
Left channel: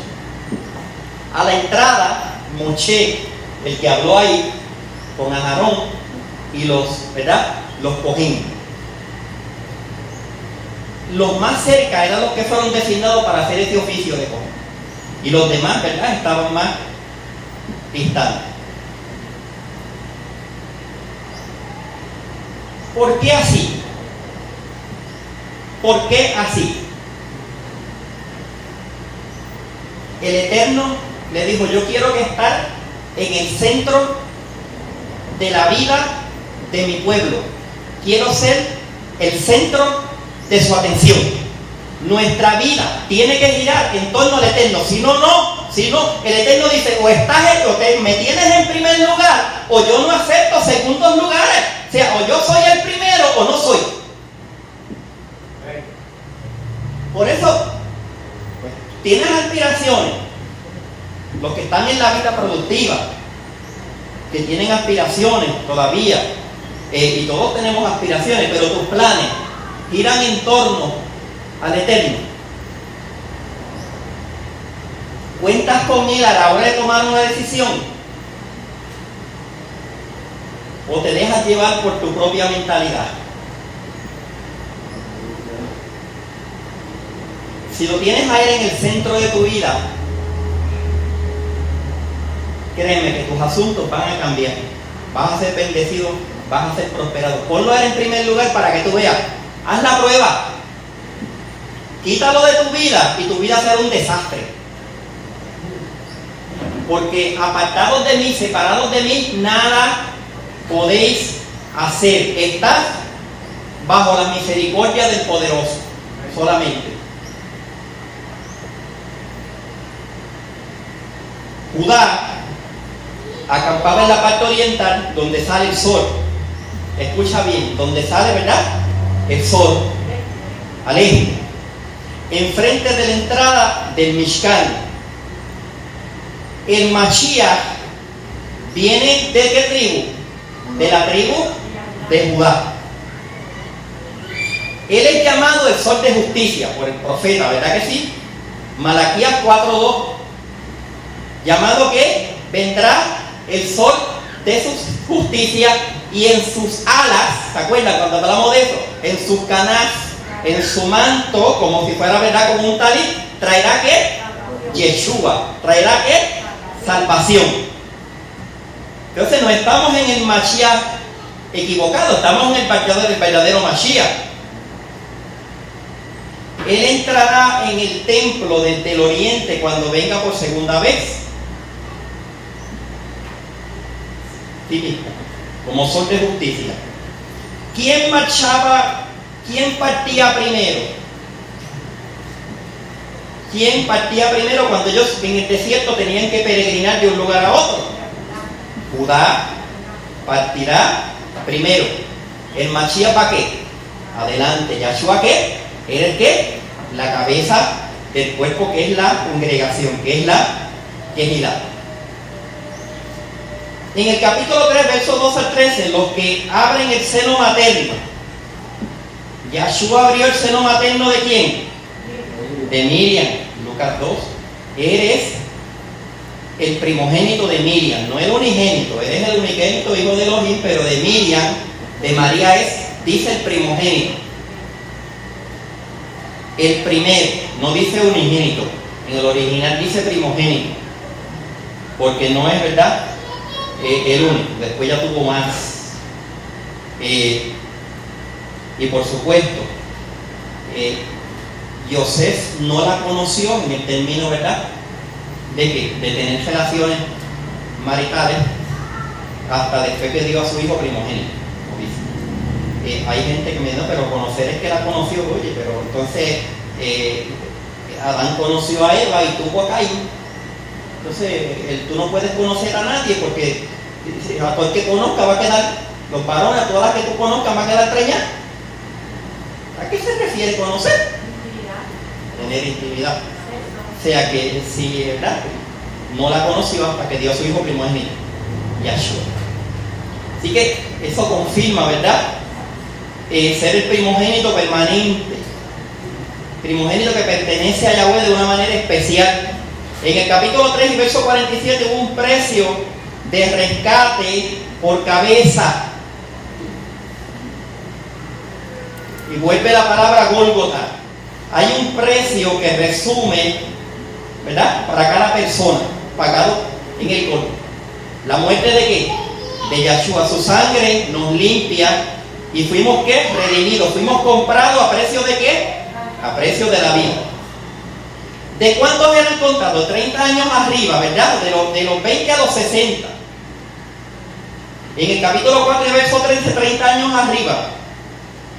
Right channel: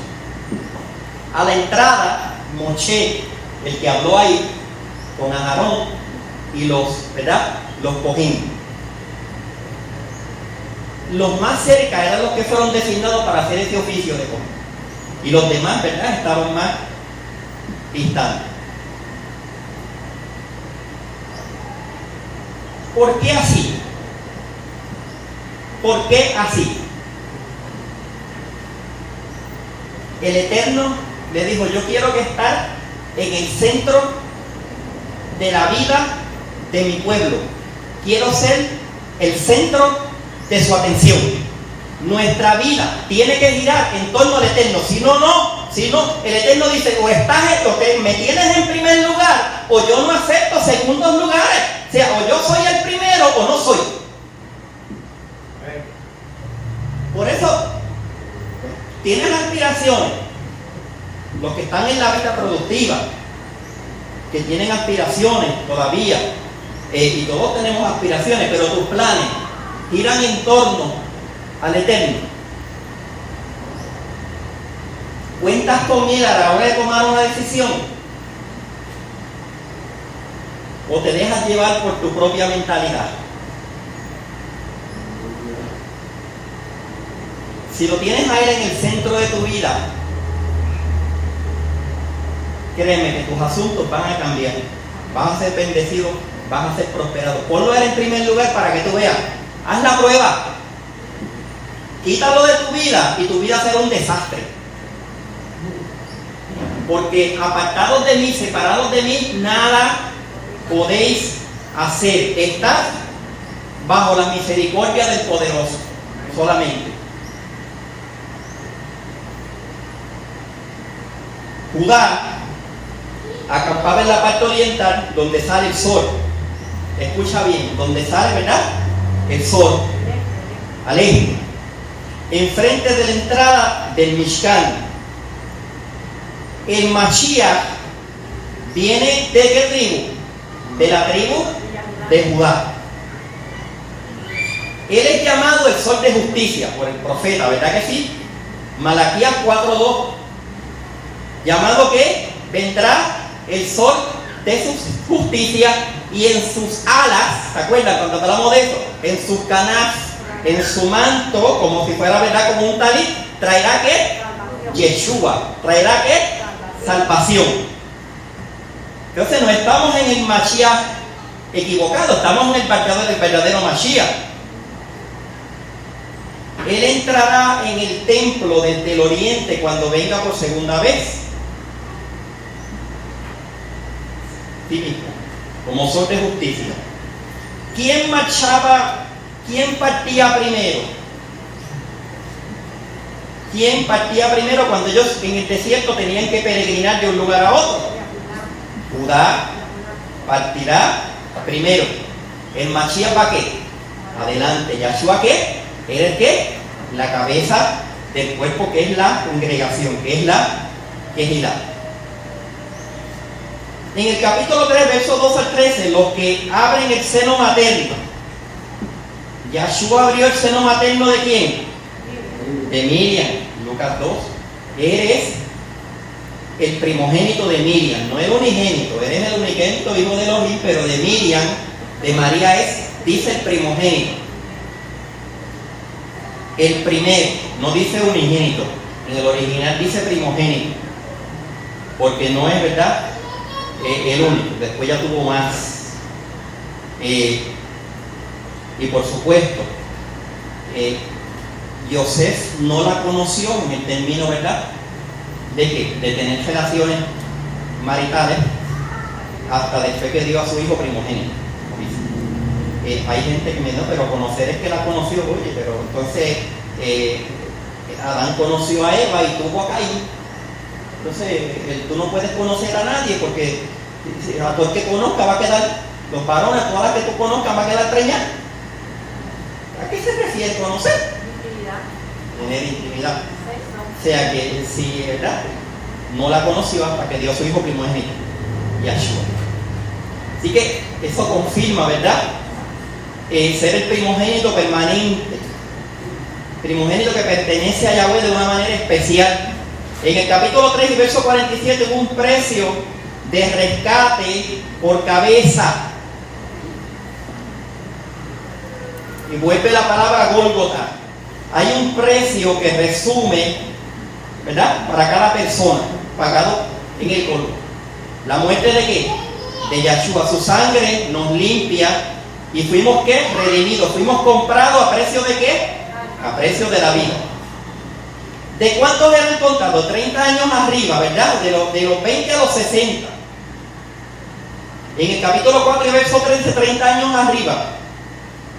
A la entrada, Moshe, el que habló ahí, con Aarón y los, ¿verdad? Los cojín. Los más cerca eran los que fueron designados para hacer ese oficio de cojín. Y los demás, ¿verdad? Estaban más distantes. ¿Por qué así? ¿Por qué así? El Eterno le dijo, yo quiero que estar en el centro de la vida de mi pueblo. Quiero ser el centro de su atención. Nuestra vida tiene que girar en torno al Eterno. Si no, el Eterno dice, o me tienes en primer lugar, o yo no acepto segundos lugares. O sea, o yo soy el primero o no soy. Por eso, pues, tienes aspiraciones. Los que están en la vida productiva, que tienen aspiraciones todavía, y todos tenemos aspiraciones, pero tus planes giran en torno al Eterno. ¿Cuentas con Él a la hora de tomar una decisión? ¿O te dejas llevar por tu propia mentalidad? Si lo tienes a Él en el centro de tu vida, créeme que tus asuntos van a cambiar. Vas a ser bendecido, vas a ser prosperado. Ponlo a Él en primer lugar para que tú veas. Haz la prueba. Quítalo de tu vida y tu vida será un desastre. Porque apartados de mí, separados de mí, nada podéis hacer. Estás bajo la misericordia del poderoso, solamente. Judá acampaba en la parte oriental, donde sale el sol. Escucha bien, donde sale, ¿verdad?, el sol, al este, enfrente de la entrada del Mishkan. El Mashiach viene ¿de qué tribu? De la tribu de Judá. Él es llamado el sol de justicia por el profeta, ¿verdad que sí? Malaquías 4:2. Llamado que vendrá el sol de su justicia y en sus alas, ¿se acuerdan cuando hablamos de eso? En sus canas, en su manto, como si fuera, ¿verdad?, como un talit, traerá ¿qué? Yeshua. Traerá ¿qué? Salvación. Entonces no estamos en el Mashiach equivocado, estamos en el verdadero Mashiach. Él entrará en el templo desde el oriente cuando venga por segunda vez. Típico, como sol de justicia. ¿Quién marchaba? ¿Quién partía primero? ¿Quién partía primero cuando ellos en el desierto tenían que peregrinar de un lugar a otro? Judá partirá primero. ¿El Mashiach para qué? Adelante. ¿Yahshua qué? ¿Era el qué? La cabeza del cuerpo, que es la congregación, que es la Kehilá. En el capítulo 3, versos 2 al 13, los que abren el seno materno. Yahshua abrió el seno materno ¿de quién? De Miriam. Lucas 2. Eres el primogénito de Miriam, no el unigénito. Eres el unigénito, hijo de Elohim, pero de Miriam, de María es, dice el primogénito. El primero, no dice unigénito. En el original dice primogénito. Porque no es, ¿verdad?, el único. Después ya tuvo más. Y por supuesto, Yosef no la conoció en el término, ¿verdad?, de que de tener relaciones maritales hasta después que dio a su hijo primogénito. Hay gente que me dice, pero conocer es que la conoció. Oye, pero entonces Adán conoció a Eva y tuvo a Caín. Entonces tú no puedes conocer a nadie, porque a todo el que conozca va a quedar, los varones, a todas las que tú conozcas, va a quedar preñada. ¿A qué se refiere conocer? Tener intimidad. O sea que si, ¿verdad?, no la conoció hasta que dio a su hijo primogénito, Yahshua. Así que eso confirma, ¿verdad?, ser el primogénito permanente, primogénito que pertenece a Yahweh de una manera especial. En el capítulo 3 y verso 47 hubo un precio de rescate por cabeza. Y vuelve la palabra Gólgota. Hay un precio que resume, ¿verdad?, para cada persona, pagado en el Gólgota. ¿La muerte de qué? De Yahshua. Su sangre nos limpia y fuimos ¿qué? Redimidos. Fuimos comprados ¿a precio de qué? A precio de la vida. ¿De cuántos eran contados? 30 años arriba, ¿verdad? De los 20 a los 60. En el capítulo 4 y verso 13, 30 años arriba.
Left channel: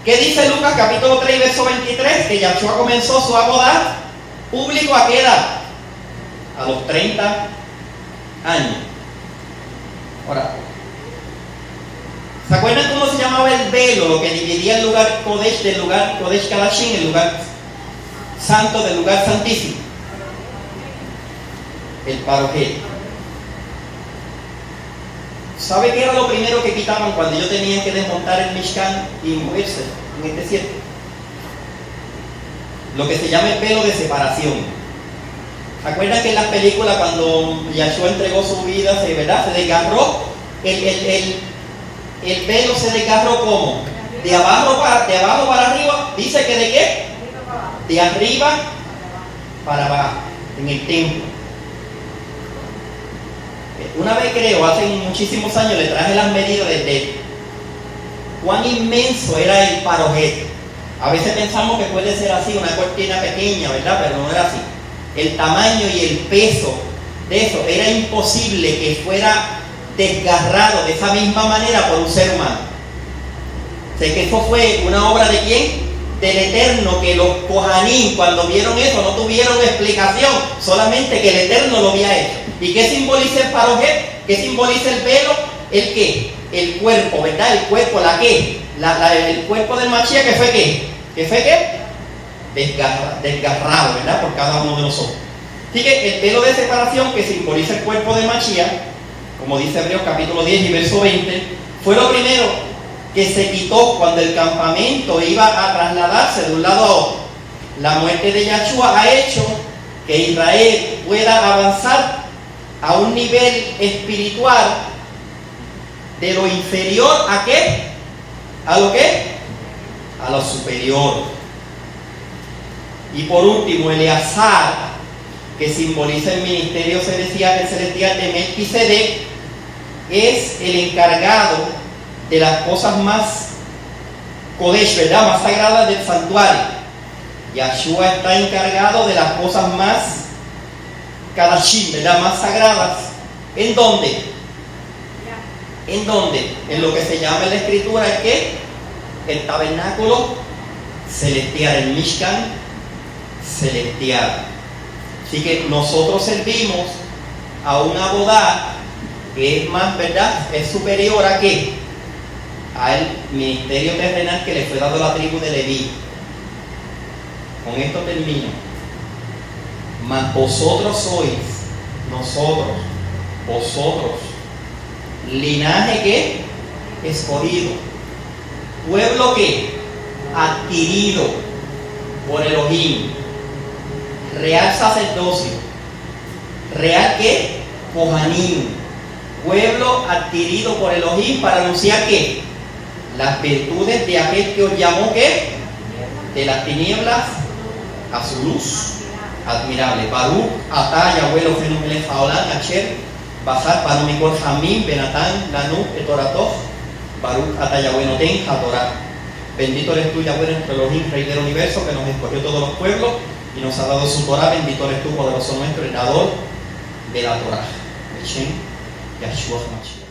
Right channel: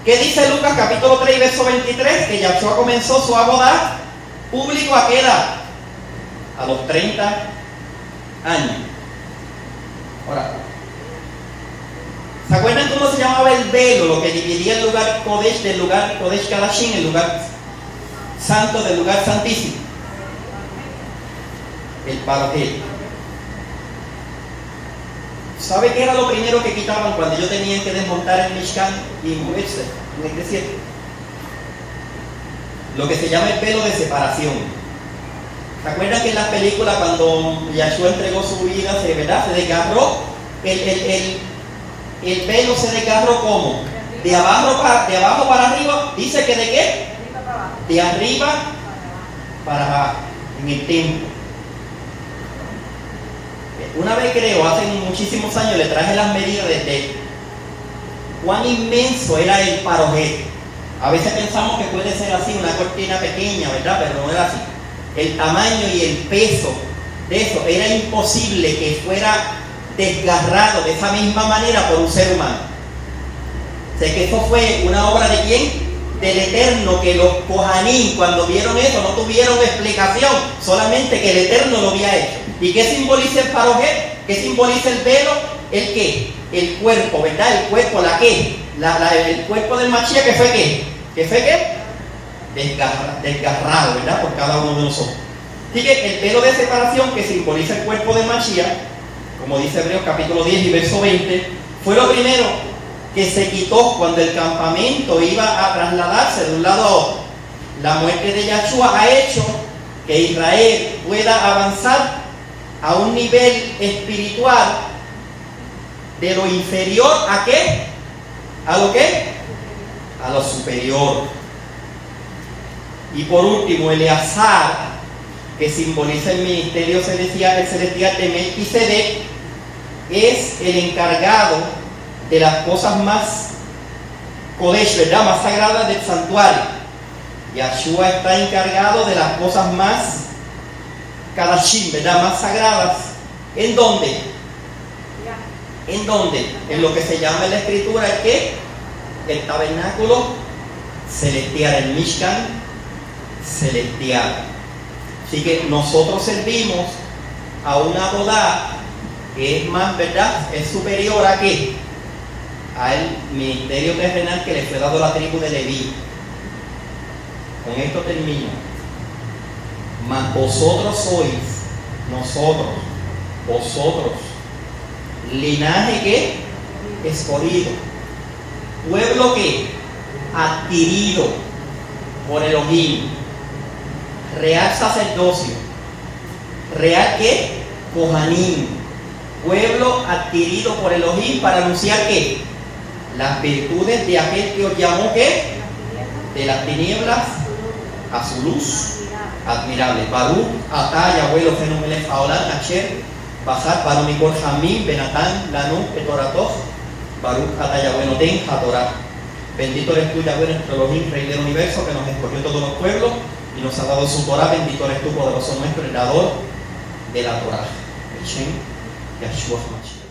¿Qué dice Lucas capítulo 3 y verso 23? Que Yahshua comenzó su abodá público ¿a qué edad? A los 30 años. Ahora, ¿se acuerdan cómo se llamaba el velo? Lo que dividía el lugar Kodesh del lugar Kodesh Kadashim, el lugar santo del lugar santísimo. El parojel. ¿Sabe qué era lo primero que quitaban cuando ellos tenían que desmontar el Mishkan y moverse en el desierto? Lo que se llama el velo de separación. ¿Se acuerdan que en las películas cuando Yahshua entregó su vida, ¿verdad?, se desgarró? El velo se desgarró ¿cómo? De abajo para arriba. Dice que ¿de qué? De arriba para abajo, en el templo. Una vez creo, hace muchísimos años, le traje las medidas de cuán inmenso era el parojel. A veces pensamos que puede ser así, una cortina pequeña, ¿verdad? Pero no era así. El tamaño y el peso de eso, era imposible que fuera desgarrado de esa misma manera por un ser humano. Sé que eso fue una obra de quién? Del Eterno, que los Kohanim cuando vieron eso no tuvieron explicación, solamente que el Eterno lo había hecho. ¿Y qué simboliza el parojet? ¿Qué simboliza el velo? ¿El qué? El cuerpo, ¿verdad? El cuerpo, ¿la qué? El cuerpo del Mashiach, ¿qué fue qué? ¿Qué fue qué? Desgarrado, ¿verdad? Por cada uno de nosotros. Así que el velo de separación que simboliza el cuerpo del Mashiach, como dice Hebreos capítulo 10 y verso 20, fue lo primero que se quitó cuando el campamento iba a trasladarse de un lado a otro. La muerte de Yahshua ha hecho que Israel pueda avanzar a un nivel espiritual de lo inferior a ¿qué? ¿A lo qué? A lo superior. Y por último, Eleazar, que simboliza el ministerio celestial de Melquisedec, es el encargado de las cosas más Kodesh, ¿verdad? Más sagradas del santuario. Yahshua está encargado de las cosas más Kadashim, ¿verdad? Más sagradas. ¿En dónde? ¿En dónde? En lo que se llama en la escritura el ¿qué? El tabernáculo celestial, el Mishkan celestial. Así que nosotros servimos a una boda que es más, ¿verdad? Es superior a ¿qué? Al ministerio terrenal que le fue dado a la tribu de Leví. Con esto termino. Mas vosotros sois, vosotros, linaje que escogido, pueblo que adquirido por Elohim, real sacerdocio, real que Kohanim, pueblo adquirido por Elohim para anunciar que las virtudes de aquel que os llamó que de las tinieblas a su luz admirable. Baruch atah Yahweh Eloheinu melech haolam asher bachar banu mikol hamim benatan lanu etoratoh Baruch atah Yahweh noten hatorah. Bendito eres tú, Yahweh, nuestro Elohim, Rey del universo, que nos escogió todos los pueblos y nos ha dado su Torah. Bendito eres tú, poderoso nuestro, el dador de la Torah. Hashem Yahshua HaMashiach.